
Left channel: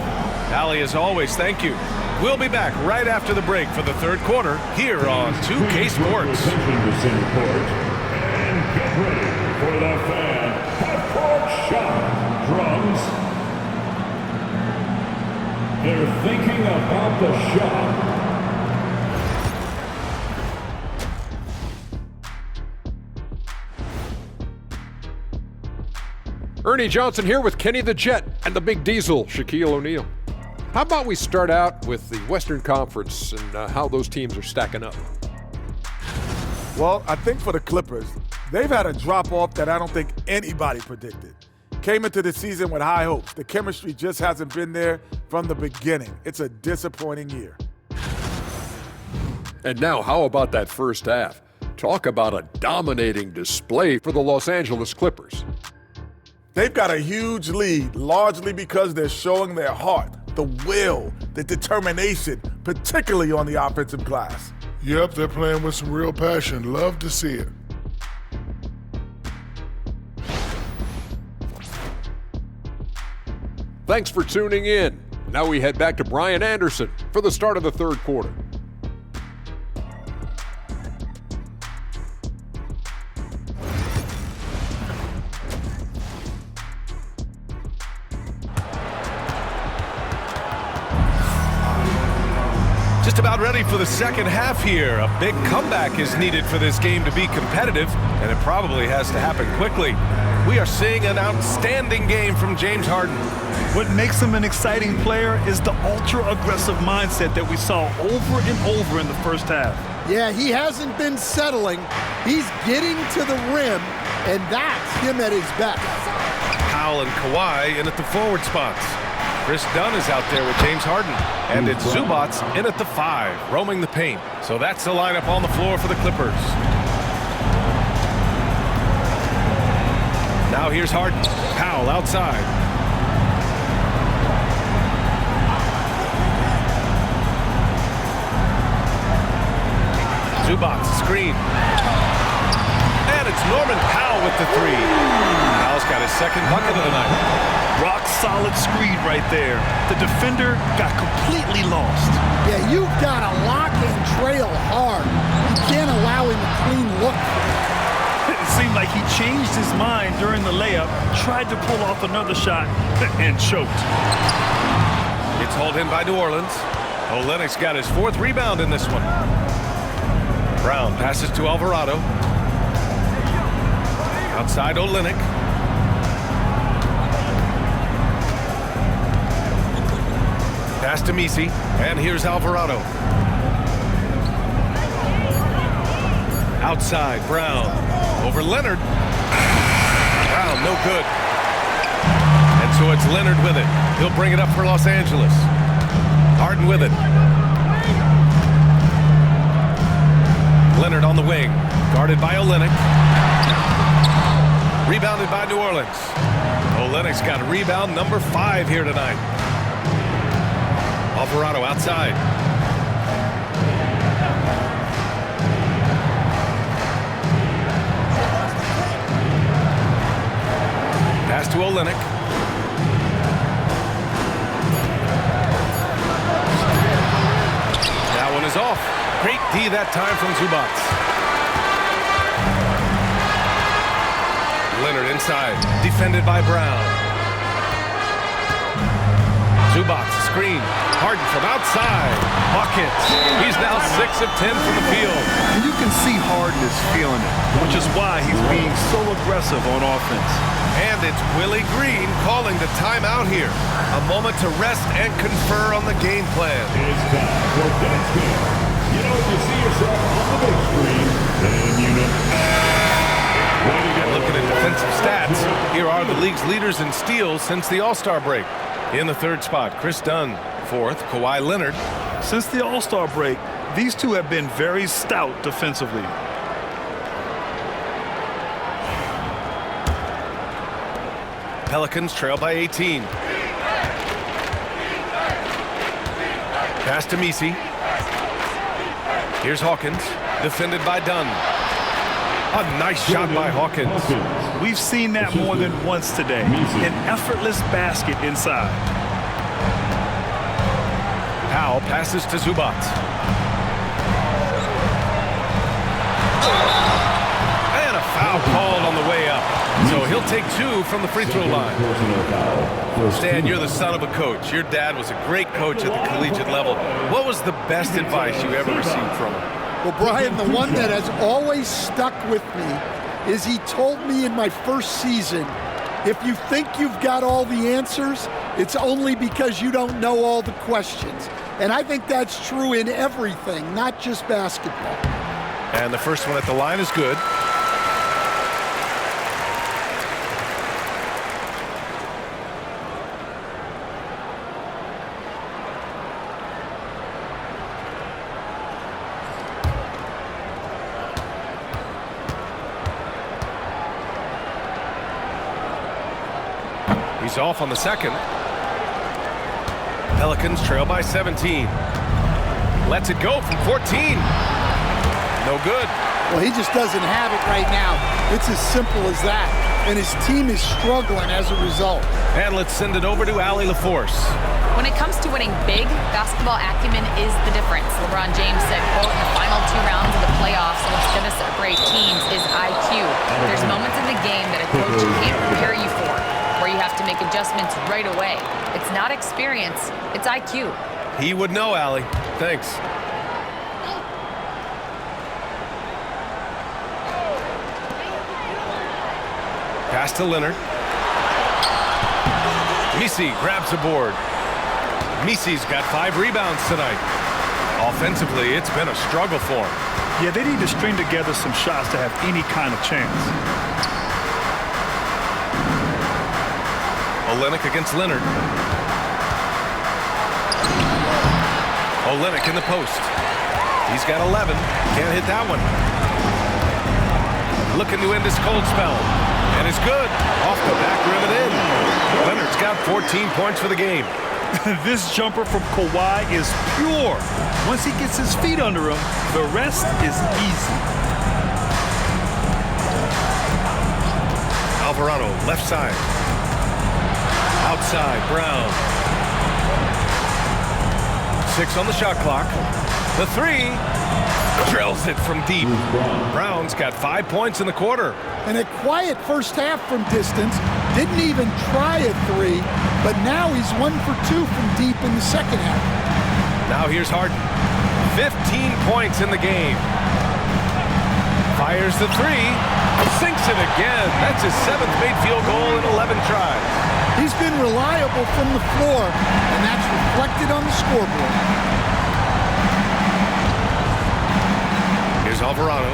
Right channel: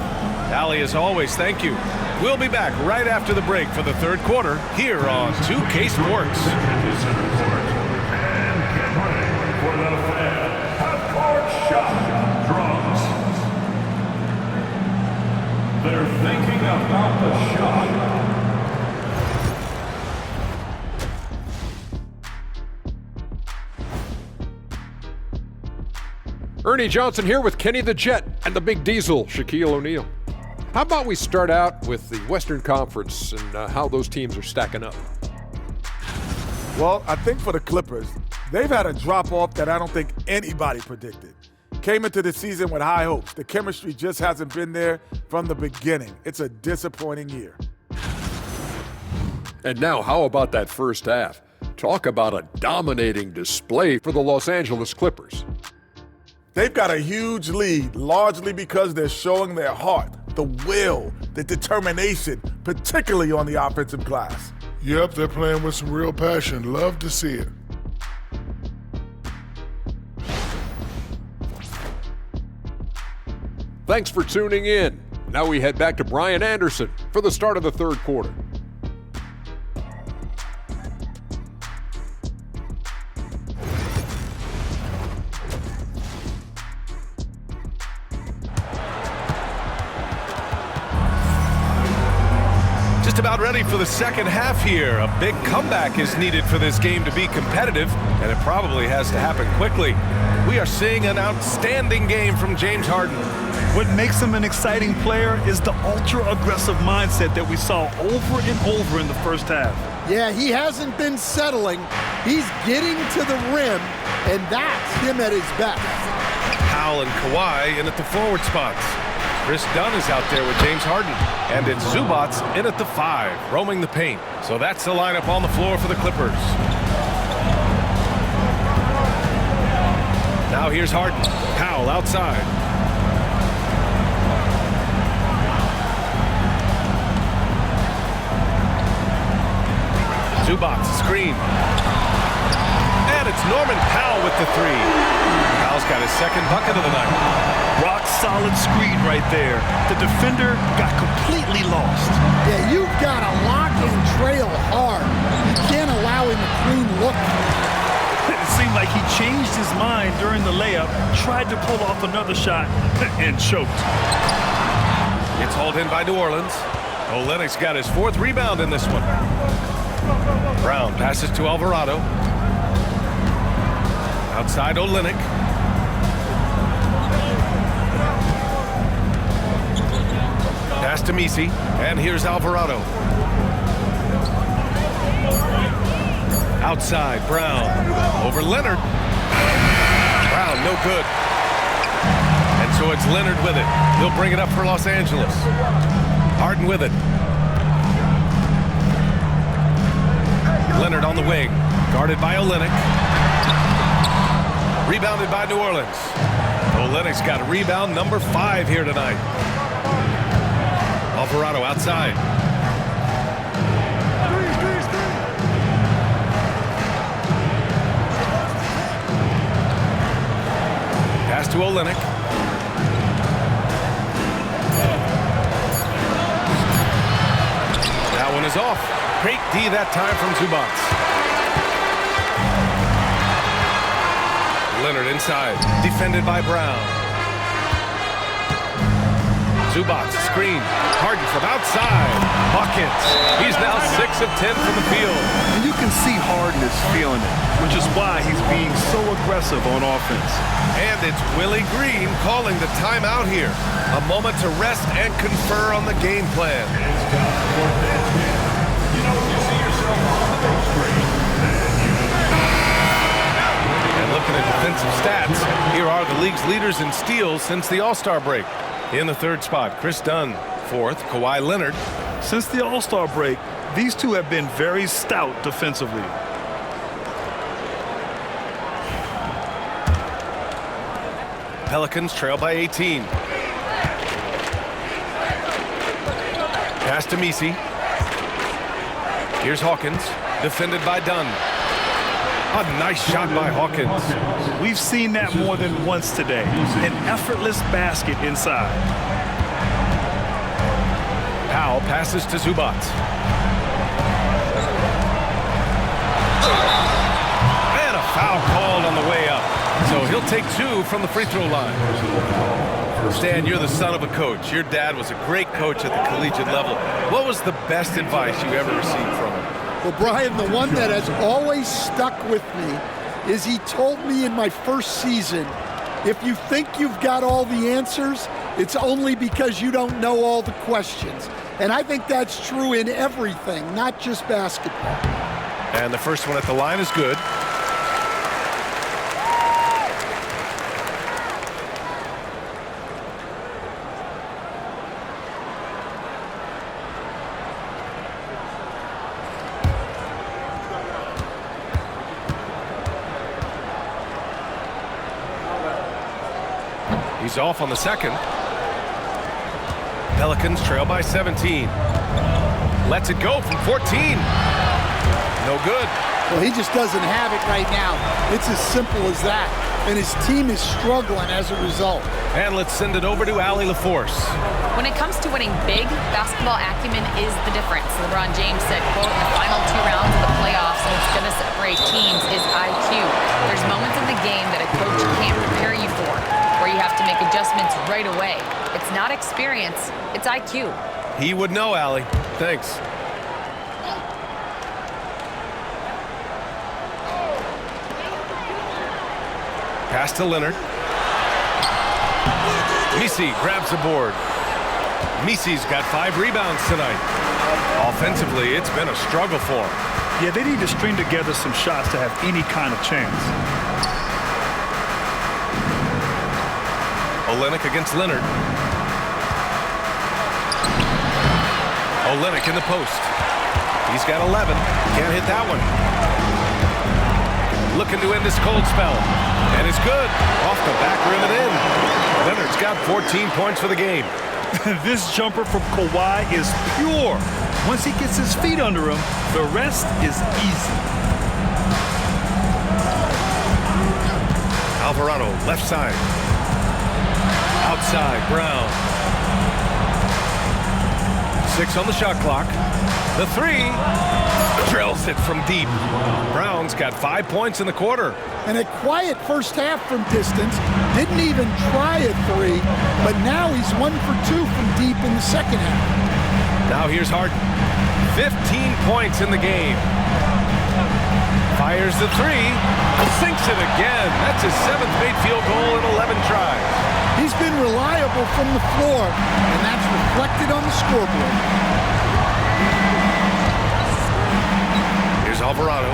Allie, as always, thank you. We'll be back right after the break for the 3rd quarter here on 2K Sports. Into center court. And get ready for the fan half-court shot. Drums. They're thinking about the shot. Ernie Johnson here with Kenny the Jet and the Big Diesel, Shaquille O'Neal. How about we start out with the Western Conference and how those teams are stacking up? Well, I think for the Clippers, they've had a drop-off that I don't think anybody predicted. Came into the season with high hopes. The chemistry just hasn't been there from the beginning. It's a disappointing year. And now, how about that first half? Talk about a dominating display for the Los Angeles Clippers. They've got a huge lead, largely because they're showing their heart, the will, the determination, particularly on the offensive glass. Yep, they're playing with some real passion. Love to see it. Thanks for tuning in. Now we head back to Brian Anderson for the start of the 3rd quarter. Just about ready for the second half here. A big comeback is needed for this game to be competitive, and it probably has to happen quickly. We are seeing an outstanding game from James Harden. What makes him an exciting player is the ultra-aggressive mindset that we saw over and over in the first half. Yeah, he hasn't been settling. He's getting to the rim, and that's him at his best. Powell and Kawhi in at the forward spots. Chris Dunn is out there with James Harden. And it's Zubats in at the 5, roaming the paint. So that's the lineup on the floor for the Clippers. Now here's Harden. Powell outside. Zubats screen. And it's Norman Powell with the 3. Powell's got his 2nd bucket of the night. Rock solid screen right there. The defender got completely lost. Yeah, you've got to lock and trail hard. You can't allow him a clean look. It seemed like he changed his mind during the layup, tried to pull off another shot, and choked. It's hauled in by New Orleans. Olynyk's got his 4th rebound in this one. Brown passes to Alvarado. Outside Olynyk. Pass to Messi, and here's Alvarado. Outside, Brown. Over Leonard. Brown, no good. And so it's Leonard with it. He'll bring it up for Los Angeles. Harden with it. Leonard on the wing. Guarded by Olynyk. Rebounded by New Orleans. Olynyk's got a rebound number 5 here tonight. Alvarado outside. Pass to Olynyk. That one is off. Great D that time from Zubac. Leonard inside. Defended by Brown. Zubac screen. Harden from outside. Bucket. He's now 6 of 10 from the field. And you can see Harden is feeling it, which is why he's being so aggressive on offense. And it's Willie Green calling the timeout here. A moment to rest and confer on the game plan. It's time for dance game. You know, when you see yourself on the big screen, then you know. And looking at defensive stats, here are the league's leaders in steals since the All-Star break. In the 3rd spot, Chris Dunn. 4th, Kawhi Leonard. Since the All-Star break, these two have been very stout defensively. Pelicans trail by 18. Pass to Messi. Here's Hawkins, defended by Dunn. A nice shot by Hawkins. We've seen that more than once today. An effortless basket inside. Powell passes to Zubac. And a foul called on the way up. So he'll take 2 from the free throw line. Stan, you're the son of a coach. Your dad was a great coach at the collegiate level. What was the best advice you ever received from him? Well, Brian, the one that has always stuck with me is he told me in my first season, if you think you've got all the answers, it's only because you don't know all the questions. And I think that's true in everything, not just basketball. And the first one at the line is good. He's off on the second. Pelicans trail by 17. Lets it go from 14. No good. Well, he just doesn't have it right now. It's as simple as that. And his team is struggling as a result. And let's send it over to Allie LaForce. When it comes to winning big, basketball acumen is the difference. LeBron James said, quote, in the final 2 rounds of the playoffs, what's going to separate teams is IQ. There's moments in the game that a coach can't prepare you for, where you have to make adjustments right away. It's not experience, it's IQ. He would know, Allie. Thanks. Pass to Leonard. Messi grabs the board. Messi's got 5 rebounds tonight. Offensively, it's been a struggle for him. Yeah, they need to string together some shots to have any kind of chance. Olynyk against Leonard. Olynyk in the post. He's got 11. Can't hit that one. Looking to end this cold spell. And it's good. Off the back rim and in. Leonard's got 14 points for the game. This jumper from Kawhi is pure. Once he gets his feet under him, the rest is easy. Alvarado, left side. Outside, Brown. 6 on the shot clock. The 3. Drills it from deep. Brown's got 5 points in the quarter. And a quiet first half from distance. Didn't even try a 3, but now he's 1 for 2 from deep in the second half. Now here's Harden. 15 points in the game. Fires the 3. Sinks it again. That's his 7th made field goal in 11 tries. He's been reliable from the floor, and that's reflected on the scoreboard. Here's Alvarado.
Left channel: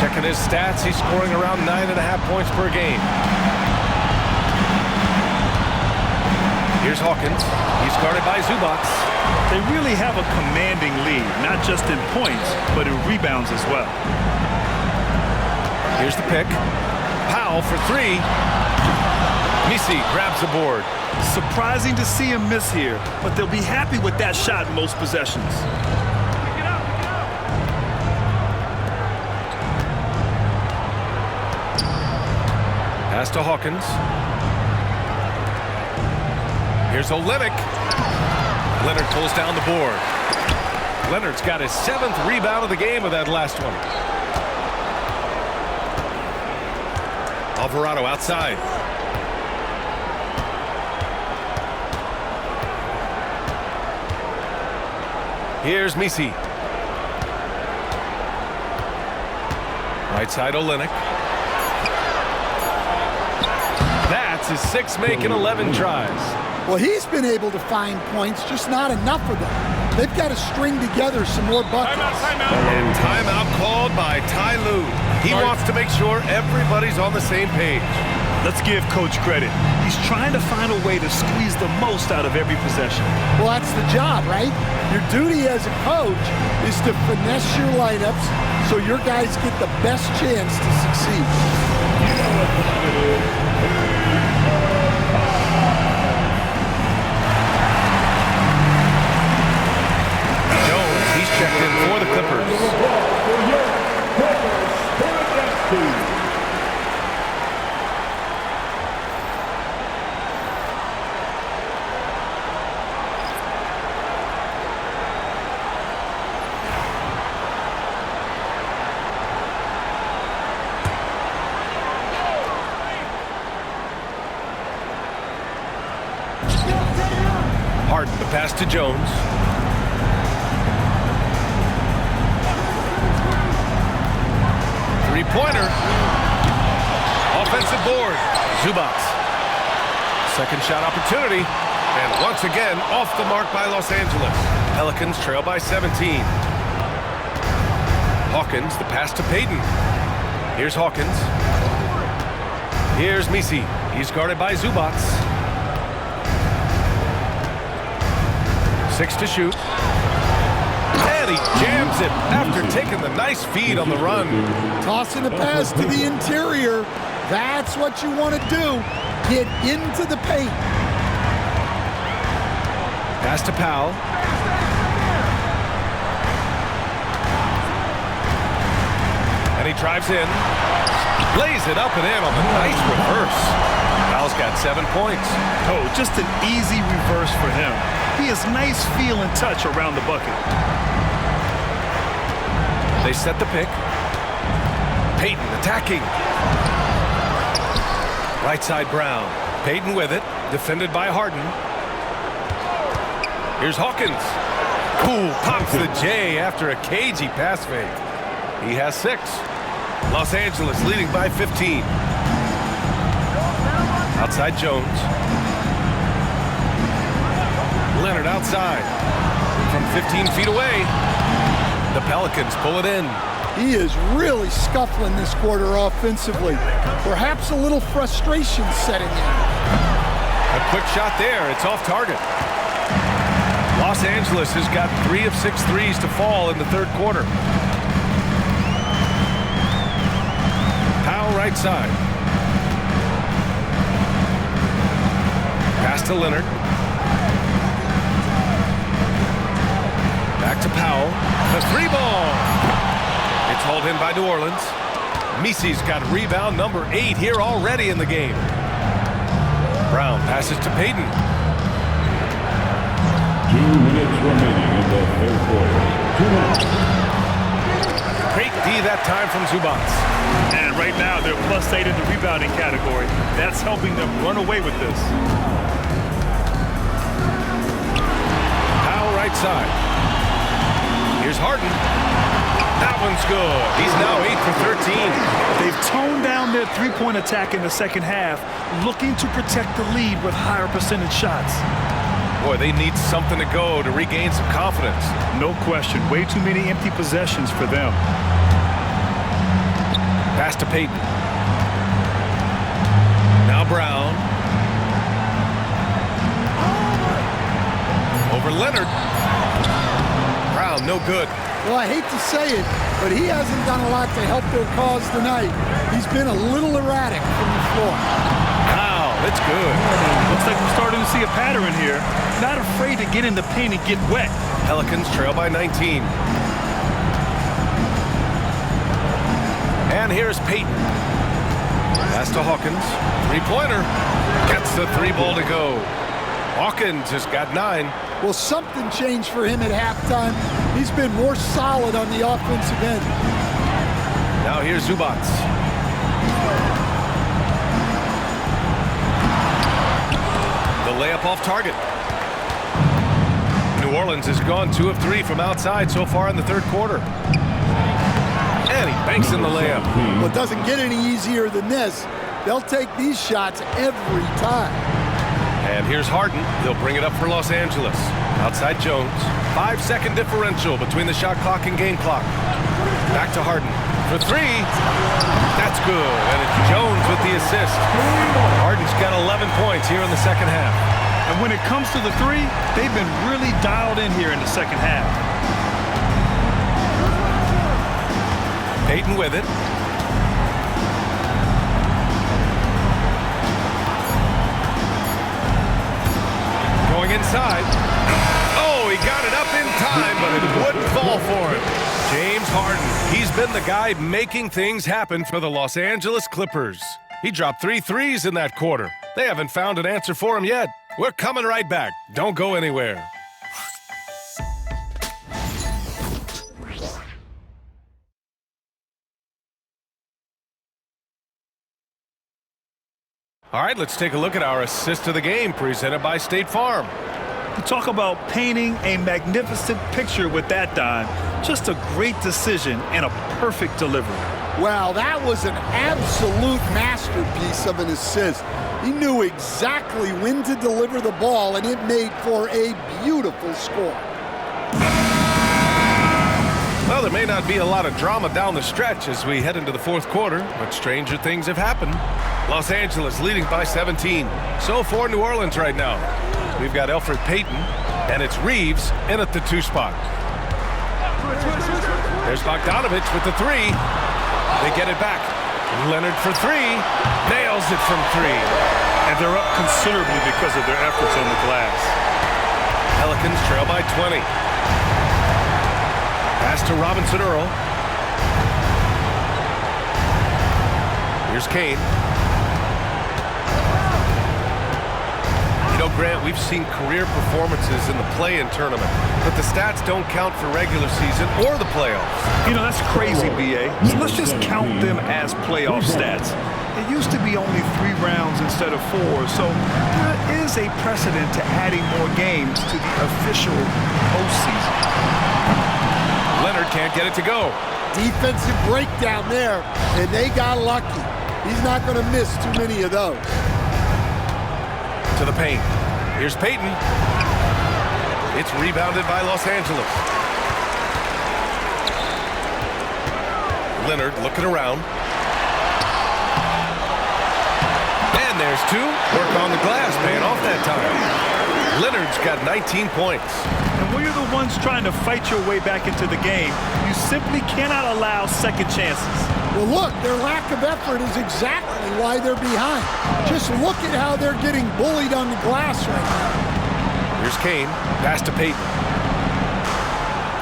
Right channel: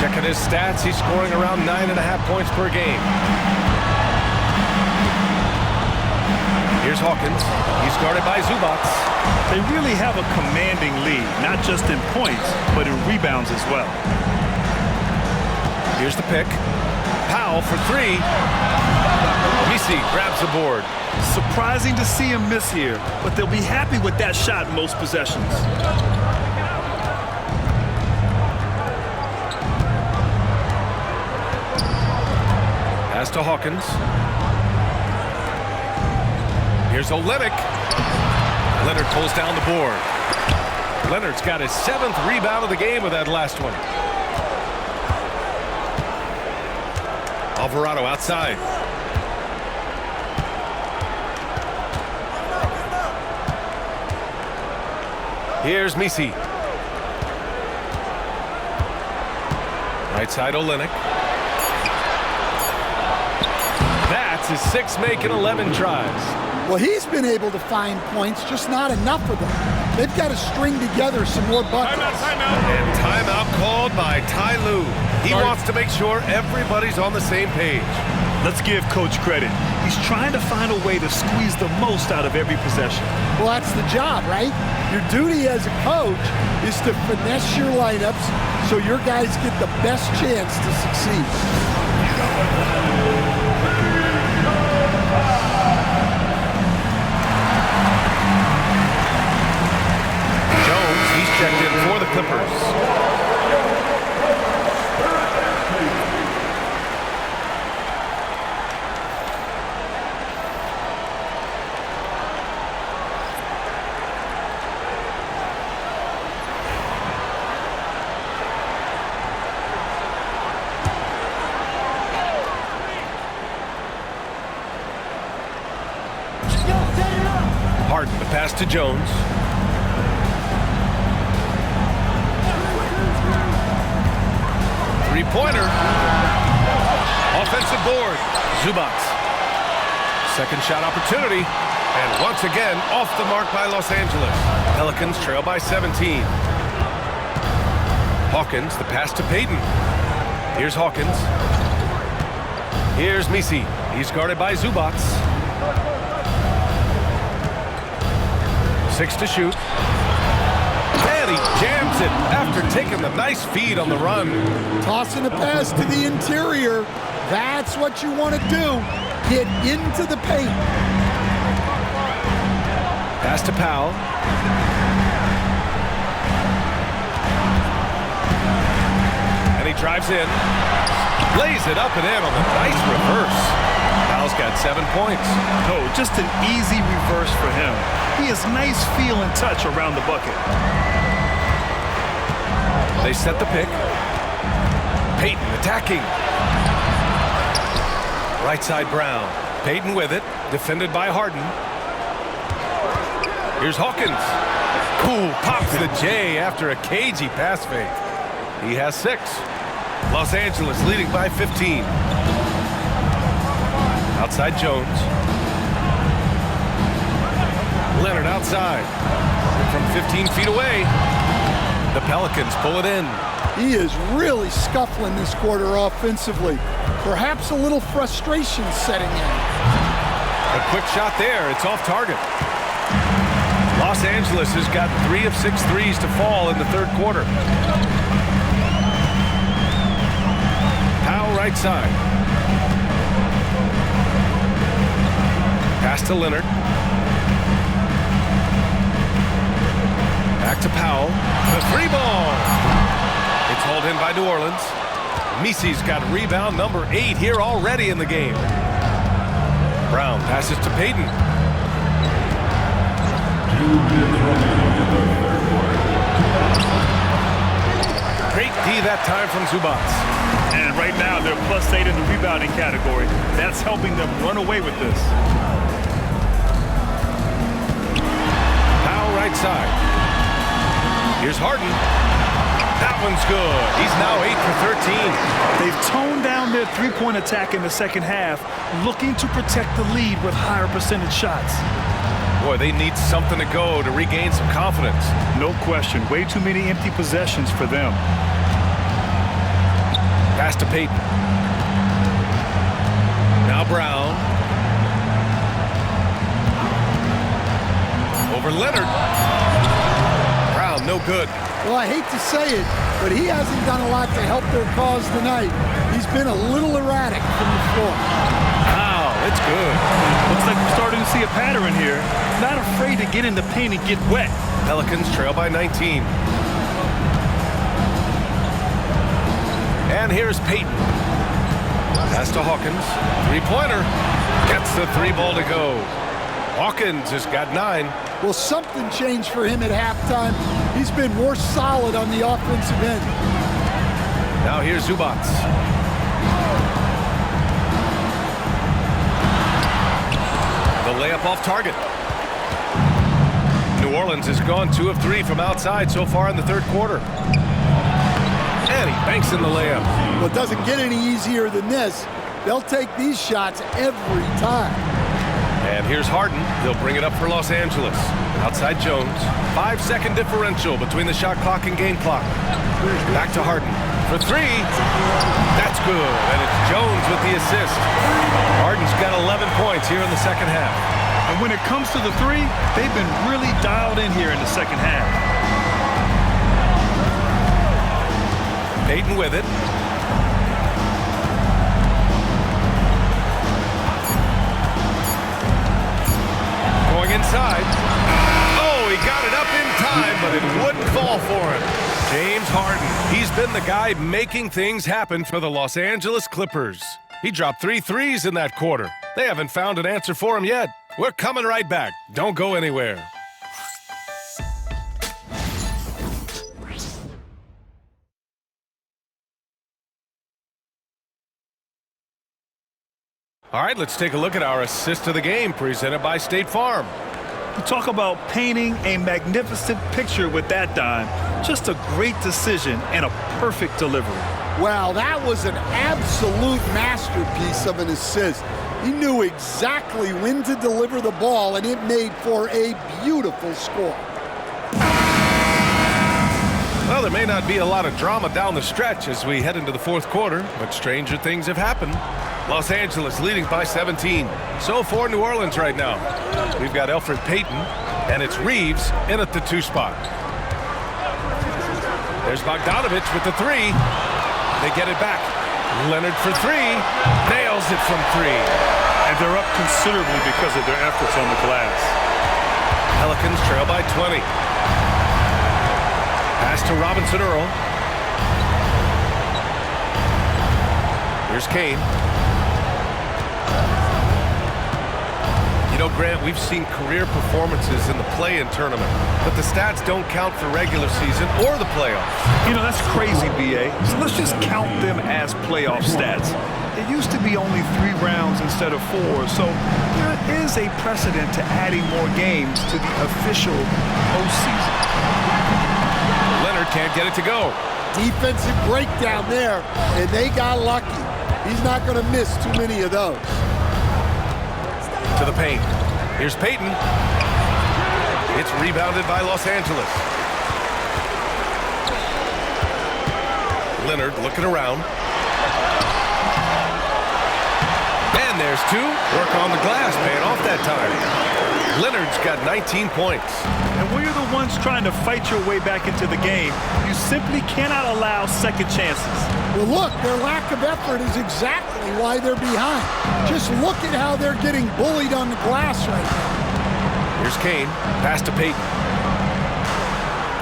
Checking his stats, he's scoring around 9.5 points per game. Here's Hawkins. He's guarded by Zubats. They really have a commanding lead, not just in points, but in rebounds as well. Here's the pick. Powell for three. Misi grabs the board. Surprising to see him miss here, but they'll be happy with that shot in most possessions. Pass to Hawkins. Here's Olynyk. Leonard pulls down the board. Leonard's got his 7th rebound of the game with that last one. Alvarado outside. Here's Misi. Right side Olynyk. That's his 6th make in 11 tries. Well, he's been able to find points, just not enough of them. They've got to string together some more buckets. Timeout. And timeout called by Ty Lue. He wants to make sure everybody's on the same page. Let's give Coach credit. He's trying to find a way to squeeze the most out of every possession. Well, that's the job, right? Your duty as a coach is to finesse your lineups so your guys get the best chance to succeed. Jones, he's checked in for the Clippers. Harden, the pass to Jones. Three-pointer. Offensive board. Zubats. Second shot opportunity. And once again, off the mark by Los Angeles. Pelicans trail by 17. Hawkins, the pass to Payton. Here's Hawkins. Here's Misi. He's guarded by Zubats. 6 to shoot. And he jams it after taking the nice feed on the run. Tossing a pass to the interior. That's what you want to do. Get into the paint. Pass to Powell. And he drives in. Lays it up and in on the nice reverse. Powell's got 7 points. Oh, just an easy reverse for him. He has nice feel and touch around the bucket. They set the pick. Payton attacking. Right side Brown. Payton with it. Defended by Harden. Here's Hawkins. Cool, pops the J after a cagey pass fake. He has 6. Los Angeles leading by 15. Outside Jones. Leonard outside. From 15 feet away. The Pelicans pull it in. He is really scuffling this quarter offensively. Perhaps a little frustration setting in. A quick shot there. It's off target. Los Angeles has gotten 3 of 6 threes to fall in the third quarter. Powell right side. Pass to Leonard. Back to Powell. The 3 ball. It's hauled in by New Orleans. Misi's got rebound number 8 here already in the game. Brown passes to Payton. 2 minutes remaining in the third quarter. Great D that time from Zubats. And right now, they're +8 in the rebounding category. That's helping them run away with this. Powell right side. Here's Harden. That one's good. He's now 8 for 13. They've toned down their three-point attack in the second half, looking to protect the lead with higher percentage shots. Boy, they need something to go to regain some confidence. No question. Way too many empty possessions for them. Pass to Payton. Now Brown. Over Leonard. Brown, no good. Well, I hate to say it, but he hasn't done a lot to help their cause tonight. He's been a little erratic from the floor. Wow, it's good. Looks like we're starting to see a pattern here. Not afraid to get in the paint and get wet. Pelicans trail by 19. And here's Payton. Pass to Hawkins. Three-pointer. Gets the three ball to go. Hawkins has got 9. Well, something changed for him at halftime. He's been more solid on the offensive end. Now here's Zubac. The layup off target. New Orleans has gone 2 of 3 from outside so far in the third quarter. And he banks in the layup. Well, it doesn't get any easier than this. They'll take these shots every time. And here's Harden. He'll bring it up for Los Angeles. Outside Jones. 5-second differential between the shot clock and game clock. Back to Harden for 3. That's good. And it's Jones with the assist. Harden's got 11 points here in the second half. And when it comes to the 3, they've been really dialed in here in the second half. Payton with it. Going inside. Oh, he got it up in time, but it wouldn't fall for him. James Harden. He's been the guy making things happen for the Los Angeles Clippers. He dropped 3 threes in that quarter. They haven't found an answer for him yet. We're coming right back. Don't go anywhere. All right, let's take a look at our assist of the game presented by State Farm. You talk about painting a magnificent picture with that dime. Just a great decision and a perfect delivery. Wow, that was an absolute masterpiece of an assist. He knew exactly when to deliver the ball, and it made for a beautiful score. Well, there may not be a lot of drama down the stretch as we head into the fourth quarter, but stranger things have happened. Los Angeles leading by 17. So for New Orleans right now. We've got Elfrid Payton, and it's Reeves in at the 2 spot. There's Bogdanovich with the 3. They get it back. Leonard for 3. Nails it from 3. And they're up considerably because of their efforts on the glass. Pelicans trail by 20. Pass to Robinson Earl. Here's Kane. You know, Grant, we've seen career performances in the play-in tournament, but the stats don't count for regular season or the playoffs. You know, that's crazy, B.A. So let's just count them as playoff stats. It used to be only 3 rounds instead of 4, so there is a precedent to adding more games to the official postseason. Leonard can't get it to go. Defensive breakdown there, and they got lucky. He's not going to miss too many of those. To the paint. Here's Payton. It's rebounded by Los Angeles. Leonard looking around. And there's 2. Work on the glass, paying off that time. Leonard's got 19 points. And when you're the ones trying to fight your way back into the game, you simply cannot allow second chances. Well, look, their lack of effort is exactly why they're behind. Just look at how they're getting bullied on the glass right now. Here's Kane. Pass to Payton.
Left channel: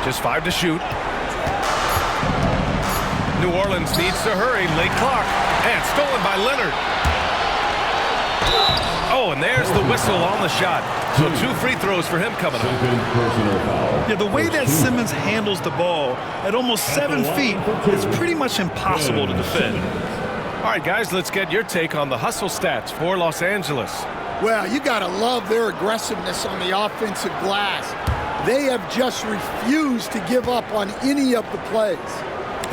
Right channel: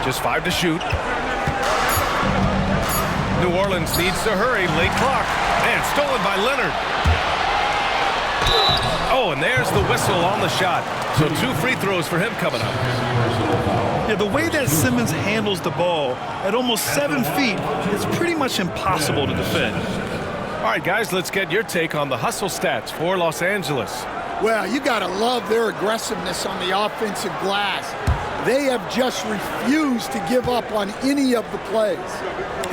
Just 5 to shoot. New Orleans needs to hurry. Late clock. And stolen by Leonard. Oh, and there's the whistle on the shot. So 2 free throws for him coming up. Yeah, the way that Simmons handles the ball at almost 7 feet, it's pretty much impossible to defend. All right, guys, let's get your take on the hustle stats for Los Angeles. Well, you got to love their aggressiveness on the offensive glass. They have just refused to give up on any of the plays.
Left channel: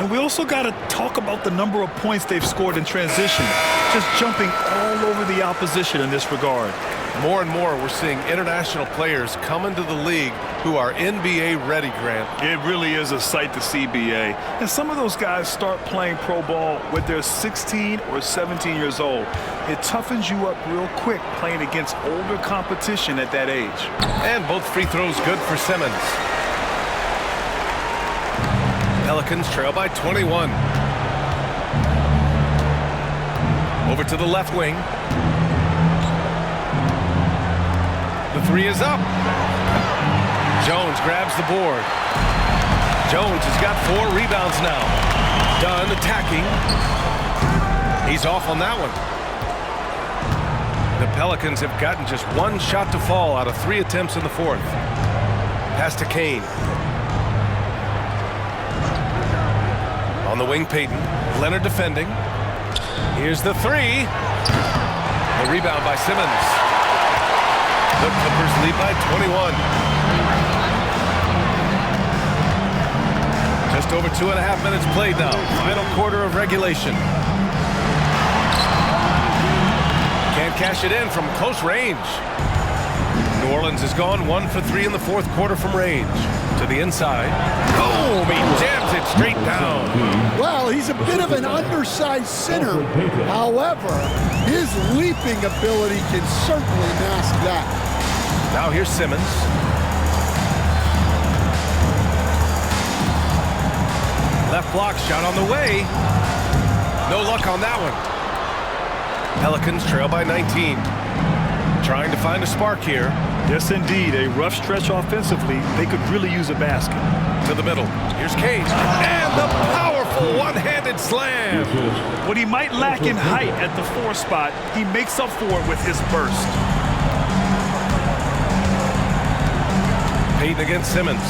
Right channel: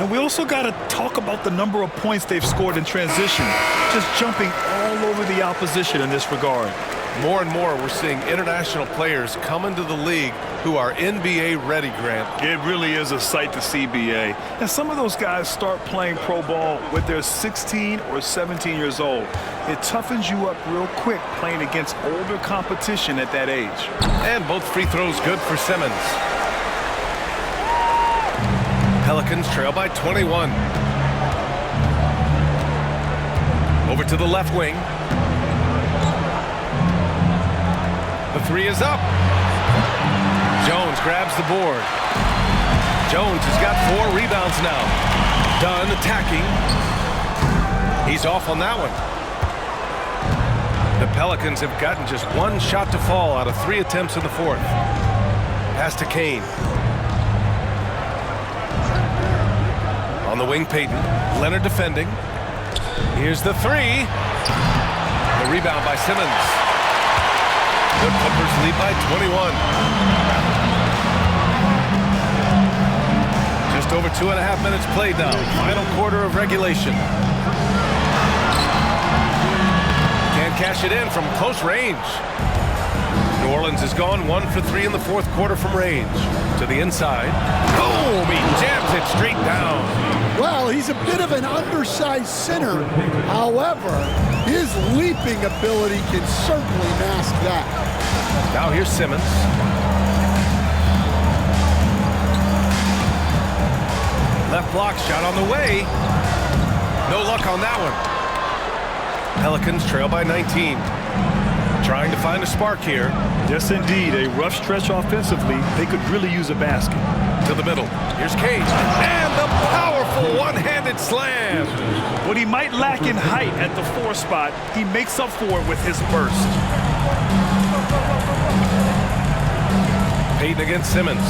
And we also got to talk about the number of points they've scored in transition, just jumping all over the opposition in this regard. More and more, we're seeing international players come into the league who are NBA ready, Grant. It really is a sight to see, BA. And some of those guys start playing pro ball when they're 16 or 17 years old. It toughens you up real quick playing against older competition at that age. And both free throws good for Simmons. Pelicans trail by 21. Over to the left wing. The three is up. Jones grabs the board. Jones has got 4 rebounds now. Dunn attacking. He's off on that one. The Pelicans have gotten just 1 shot to fall out of 3 attempts in the 4th. Pass to Kane. On the wing, Payton. Leonard defending. Here's the 3. The rebound by Simmons. The Clippers lead by 21. Just over 2.5 minutes played now. Final quarter of regulation. Can't cash it in from close range. New Orleans has gone 1 for 3 in the 4th quarter from range. To the inside. Boom! He jams it straight down. Well, he's a bit of an undersized center. However, his leaping ability can certainly mask that. Now here's Simmons. Left block shot on the way. No luck on that one. Pelicans trail by 19. Trying to find a spark here. Yes, indeed. A rough stretch offensively. They could really use a basket. To the middle. Here's Cage. And the powerful one-handed slam. What he might lack in height at the 4 spot, he makes up for it with his burst. Payton against Simmons.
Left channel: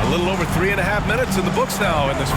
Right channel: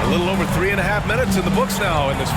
A little over 3.5 minutes in the books now in this.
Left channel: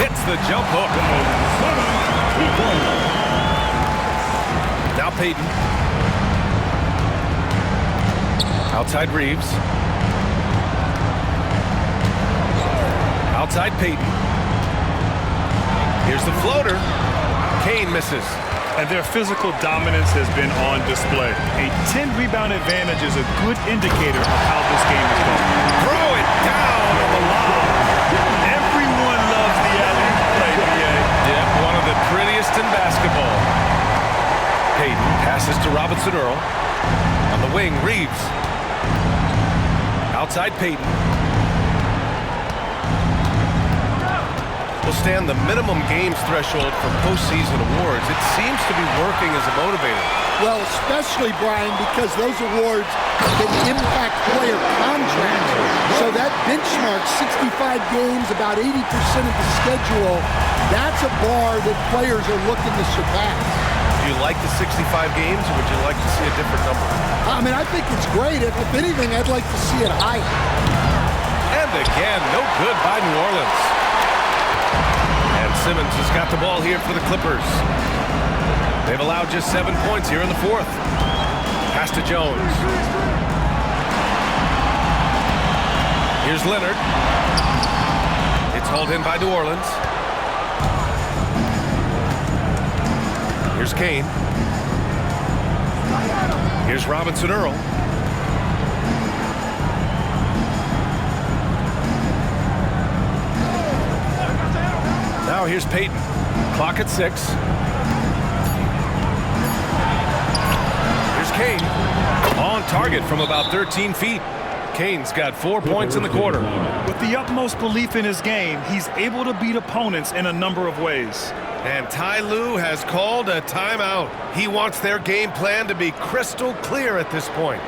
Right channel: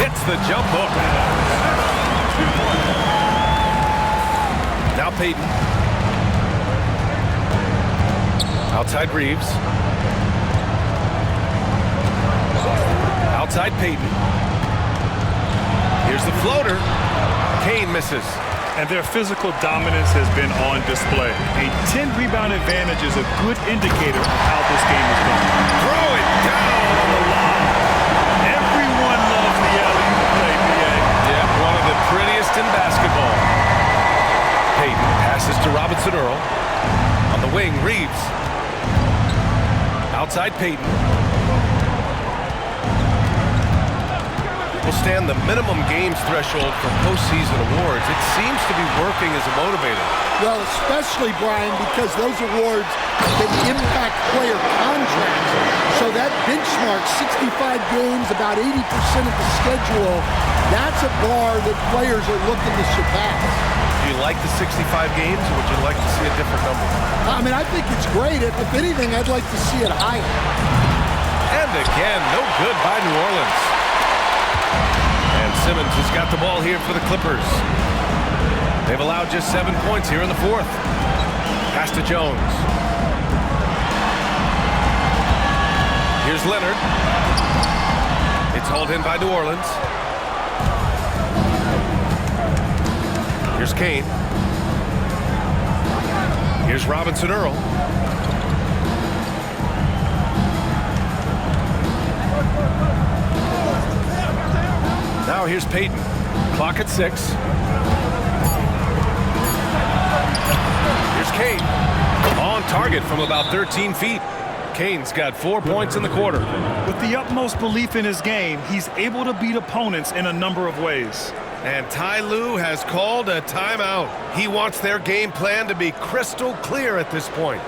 hits the jump hook. Now Payton. Outside Reeves. Outside Payton. Here's the floater. Kane misses. And their physical dominance has been on display. A 10-rebound advantage is a good indicator of how this game is going. Throw it down on the lob. Everyone loves the alley-oop play, B.A. Yep, one of the prettiest in basketball. Payton passes to Robinson Earl. On the wing, Reeves. Outside Payton. Will stand the minimum games threshold for postseason awards. It seems to be working as a motivator. Well, especially, Brian, because those awards can impact player contracts. So that benchmark, 65 games, about 80% of the schedule, that's a bar that players are looking to surpass. Do you like the 65 games, or would you like to see a different number? I mean, I think it's great. If anything, I'd like to see it higher. And again, no good by New Orleans. And Simmons has got the ball here for the Clippers. They've allowed just 7 points here in the fourth. Pass to Jones. Here's Leonard. It's hauled in by New Orleans. Here's Kane. Here's Robinson Earl. Now here's Payton. Clock at 6. Here's Kane. On target from about 13 feet. Kane's got 4 points in the quarter. With the utmost belief in his game, he's able to beat opponents in a number of ways. And Ty Lue has called a timeout. He wants their game plan to be crystal clear at this point.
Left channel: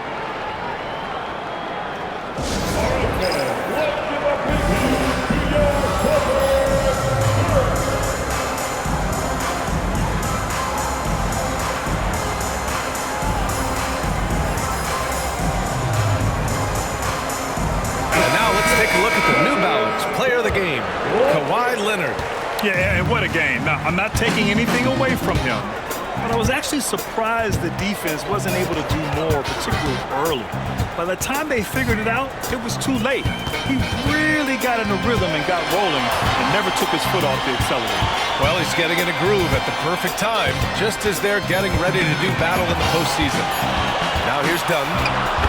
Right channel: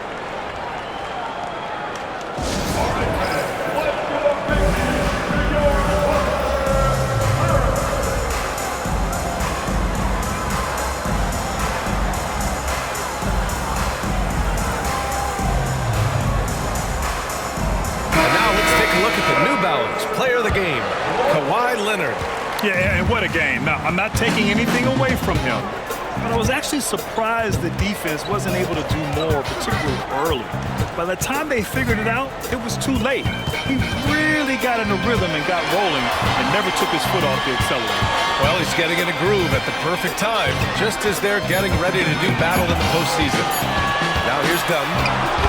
Take a look at the New Balance player of the game, Kawhi Leonard. Yeah, and what a game. Now, I'm not taking anything away from him, but I was actually surprised the defense wasn't able to do more, particularly early. By the time they figured it out, it was too late. He really got in a rhythm and got rolling and never took his foot off the accelerator. Well, he's getting in a groove at the perfect time, just as they're getting ready to do battle in the postseason. Now here's Dunn.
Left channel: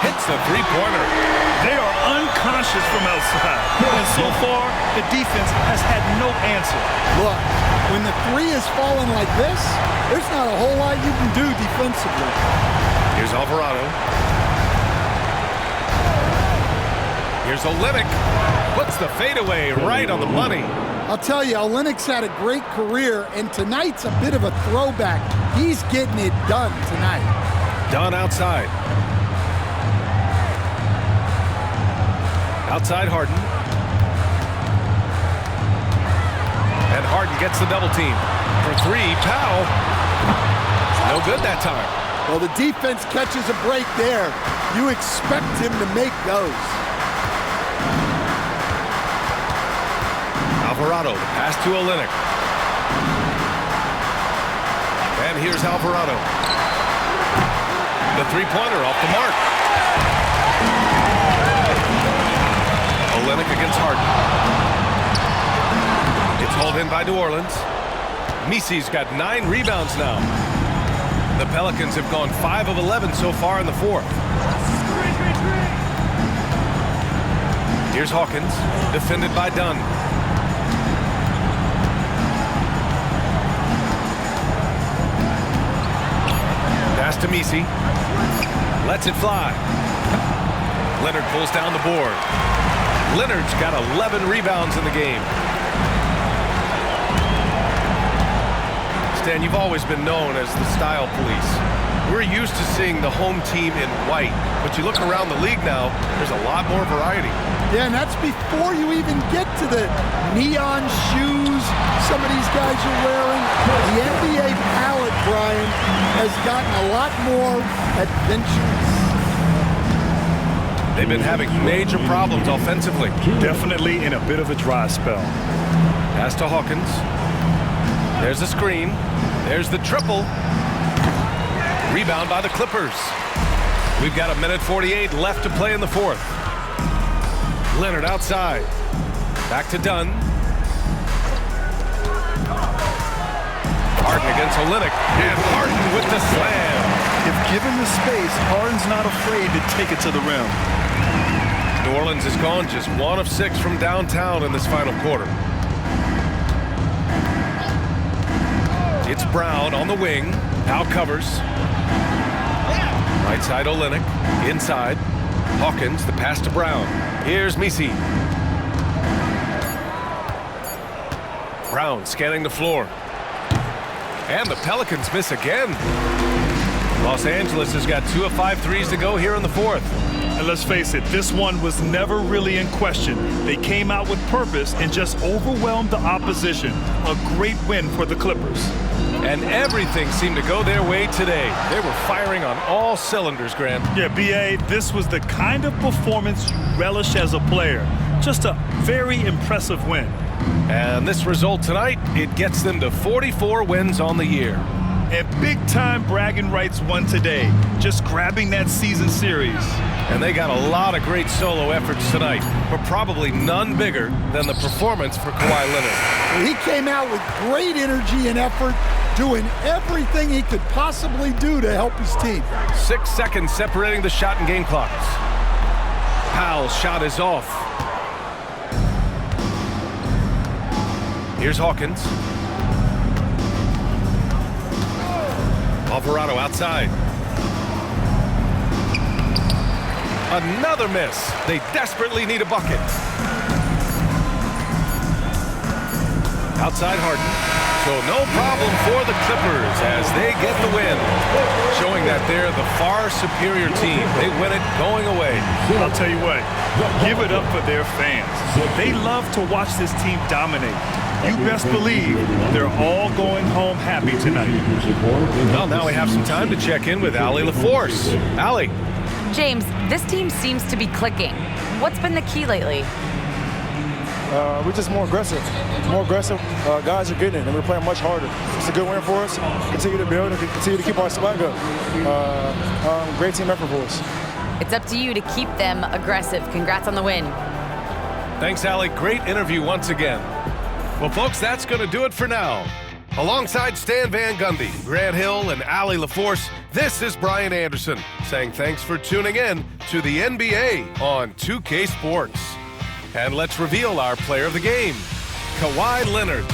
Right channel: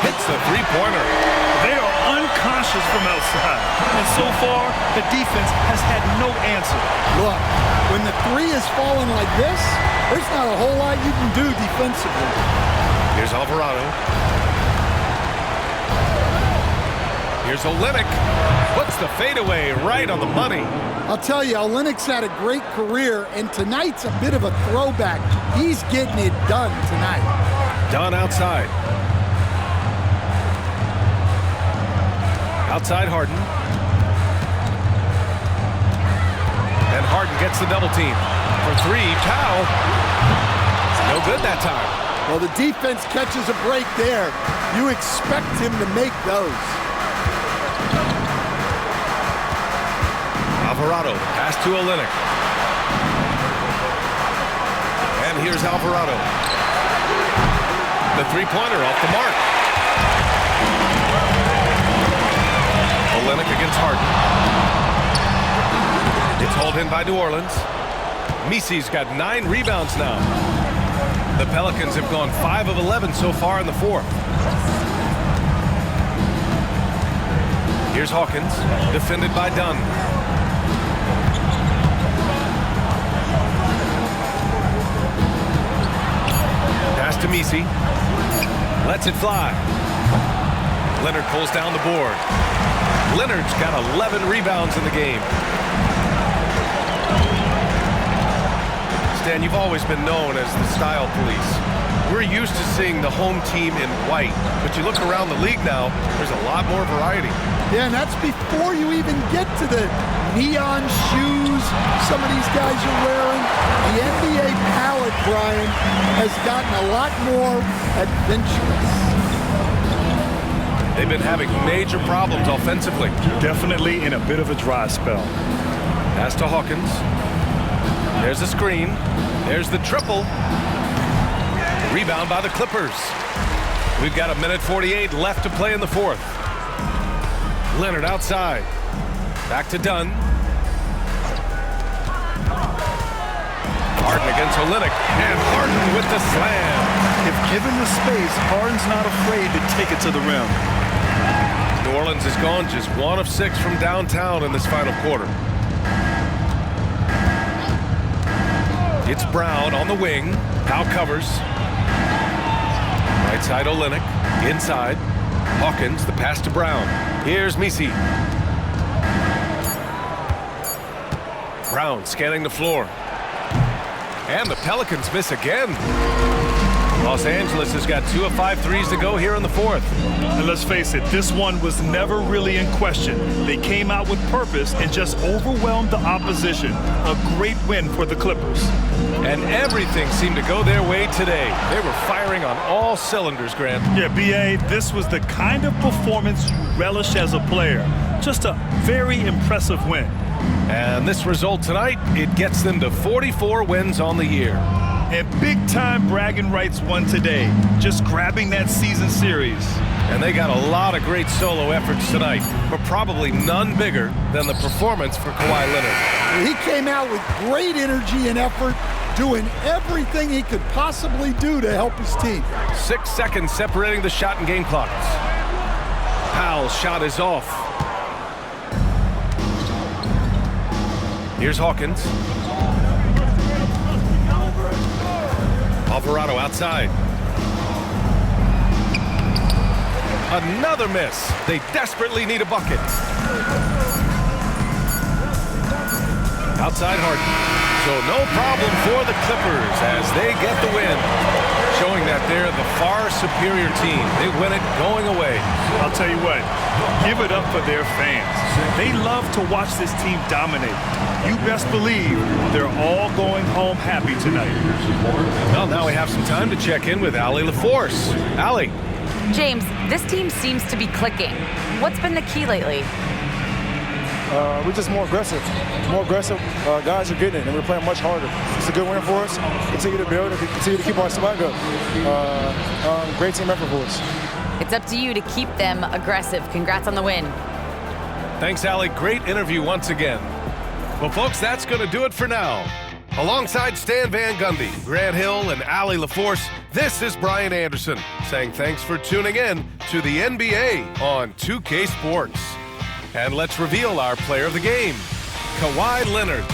Hits the three-pointer. They are unconscious from outside, and so far, the defense has had no answer. Look, when the three is falling like this, there's not a whole lot you can do defensively. Here's Alvarado. Here's Olynyk. Puts the fadeaway right on the money. I'll tell you, Olynyk's had a great career, and tonight's a bit of a throwback. He's getting it done tonight. Dunn outside. Outside Harden. And Harden gets the double team. For three, Powell. No good that time. Well, the defense catches a break there. You expect him to make those. Alvarado, the pass to Olynyk. And here's Alvarado. The three-pointer off the mark. Olynyk against Harden. It's hauled in by New Orleans. Misi's got 9 rebounds now. The Pelicans have gone 5 of 11 so far in the fourth. Here's Hawkins, defended by Dunn. Pass to Misi. Lets it fly. Leonard pulls down the board. Leonard's got 11 rebounds in the game. Stan, you've always been known as the style police. We're used to seeing the home team in white, but you look around the league now, there's a lot more variety. Yeah, and that's before you even get to the neon shoes some of these guys are wearing. The NBA palette, Brian, has gotten a lot more adventurous. They've been having major problems offensively. Definitely in a bit of a dry spell. Pass to Hawkins. There's a screen. There's the triple. Rebound by the Clippers. We've got 1:48 left to play in the fourth. Leonard outside. Back to Dunn. Harden against Olynyk. And Harden with the slam. If given the space, Harden's not afraid to take it to the rim. New Orleans has gone just 1 of 6 from downtown in this final quarter. It's Brown on the wing. Powell covers. Right side Olynyk. Inside. Hawkins, the pass to Brown. Here's Misi. Brown scanning the floor. And the Pelicans miss again. Los Angeles has got 2 of 5 threes to go here in the fourth. And let's face it, this one was never really in question. They came out with purpose and just overwhelmed the opposition. A great win for the Clippers. And everything seemed to go their way today. They were firing on all cylinders, Grant. Yeah, B.A., this was the kind of performance you relish as a player. Just a very impressive win. And this result tonight, it gets them to 44 wins on the year. And big-time bragging rights won today, just grabbing that season series. And they got a lot of great solo efforts tonight, but probably none bigger than the performance for Kawhi Leonard. He came out with great energy and effort, doing everything he could possibly do to help his team. 6 seconds separating the shot and game clocks. Powell's shot is off. Here's Hawkins. Alvarado outside. Another miss. They desperately need a bucket. Outside Harden. So no problem for the Clippers as they get the win. Showing that they're the far superior team. They win it going away. I'll tell you what, give it up for their fans. They love to watch this team dominate. You best believe they're all going home happy tonight. Well, now we have some time to check in with Allie LaForce. Allie. James, this team seems to be clicking. What's been the key lately? We're just more aggressive. Guys are getting it, and we're playing much harder. It's a good win for us. Continue to build and continue to keep our swag up. Great team effort for us. It's up to you to keep them aggressive. Congrats on the win. Thanks, Allie. Great interview once again. Well, folks, that's going to do it for now. Alongside Stan Van Gundy, Grant Hill, and Allie LaForce, this is Brian Anderson saying thanks for tuning in to the NBA on 2K Sports. And let's reveal our player of the game, Kawhi Leonard.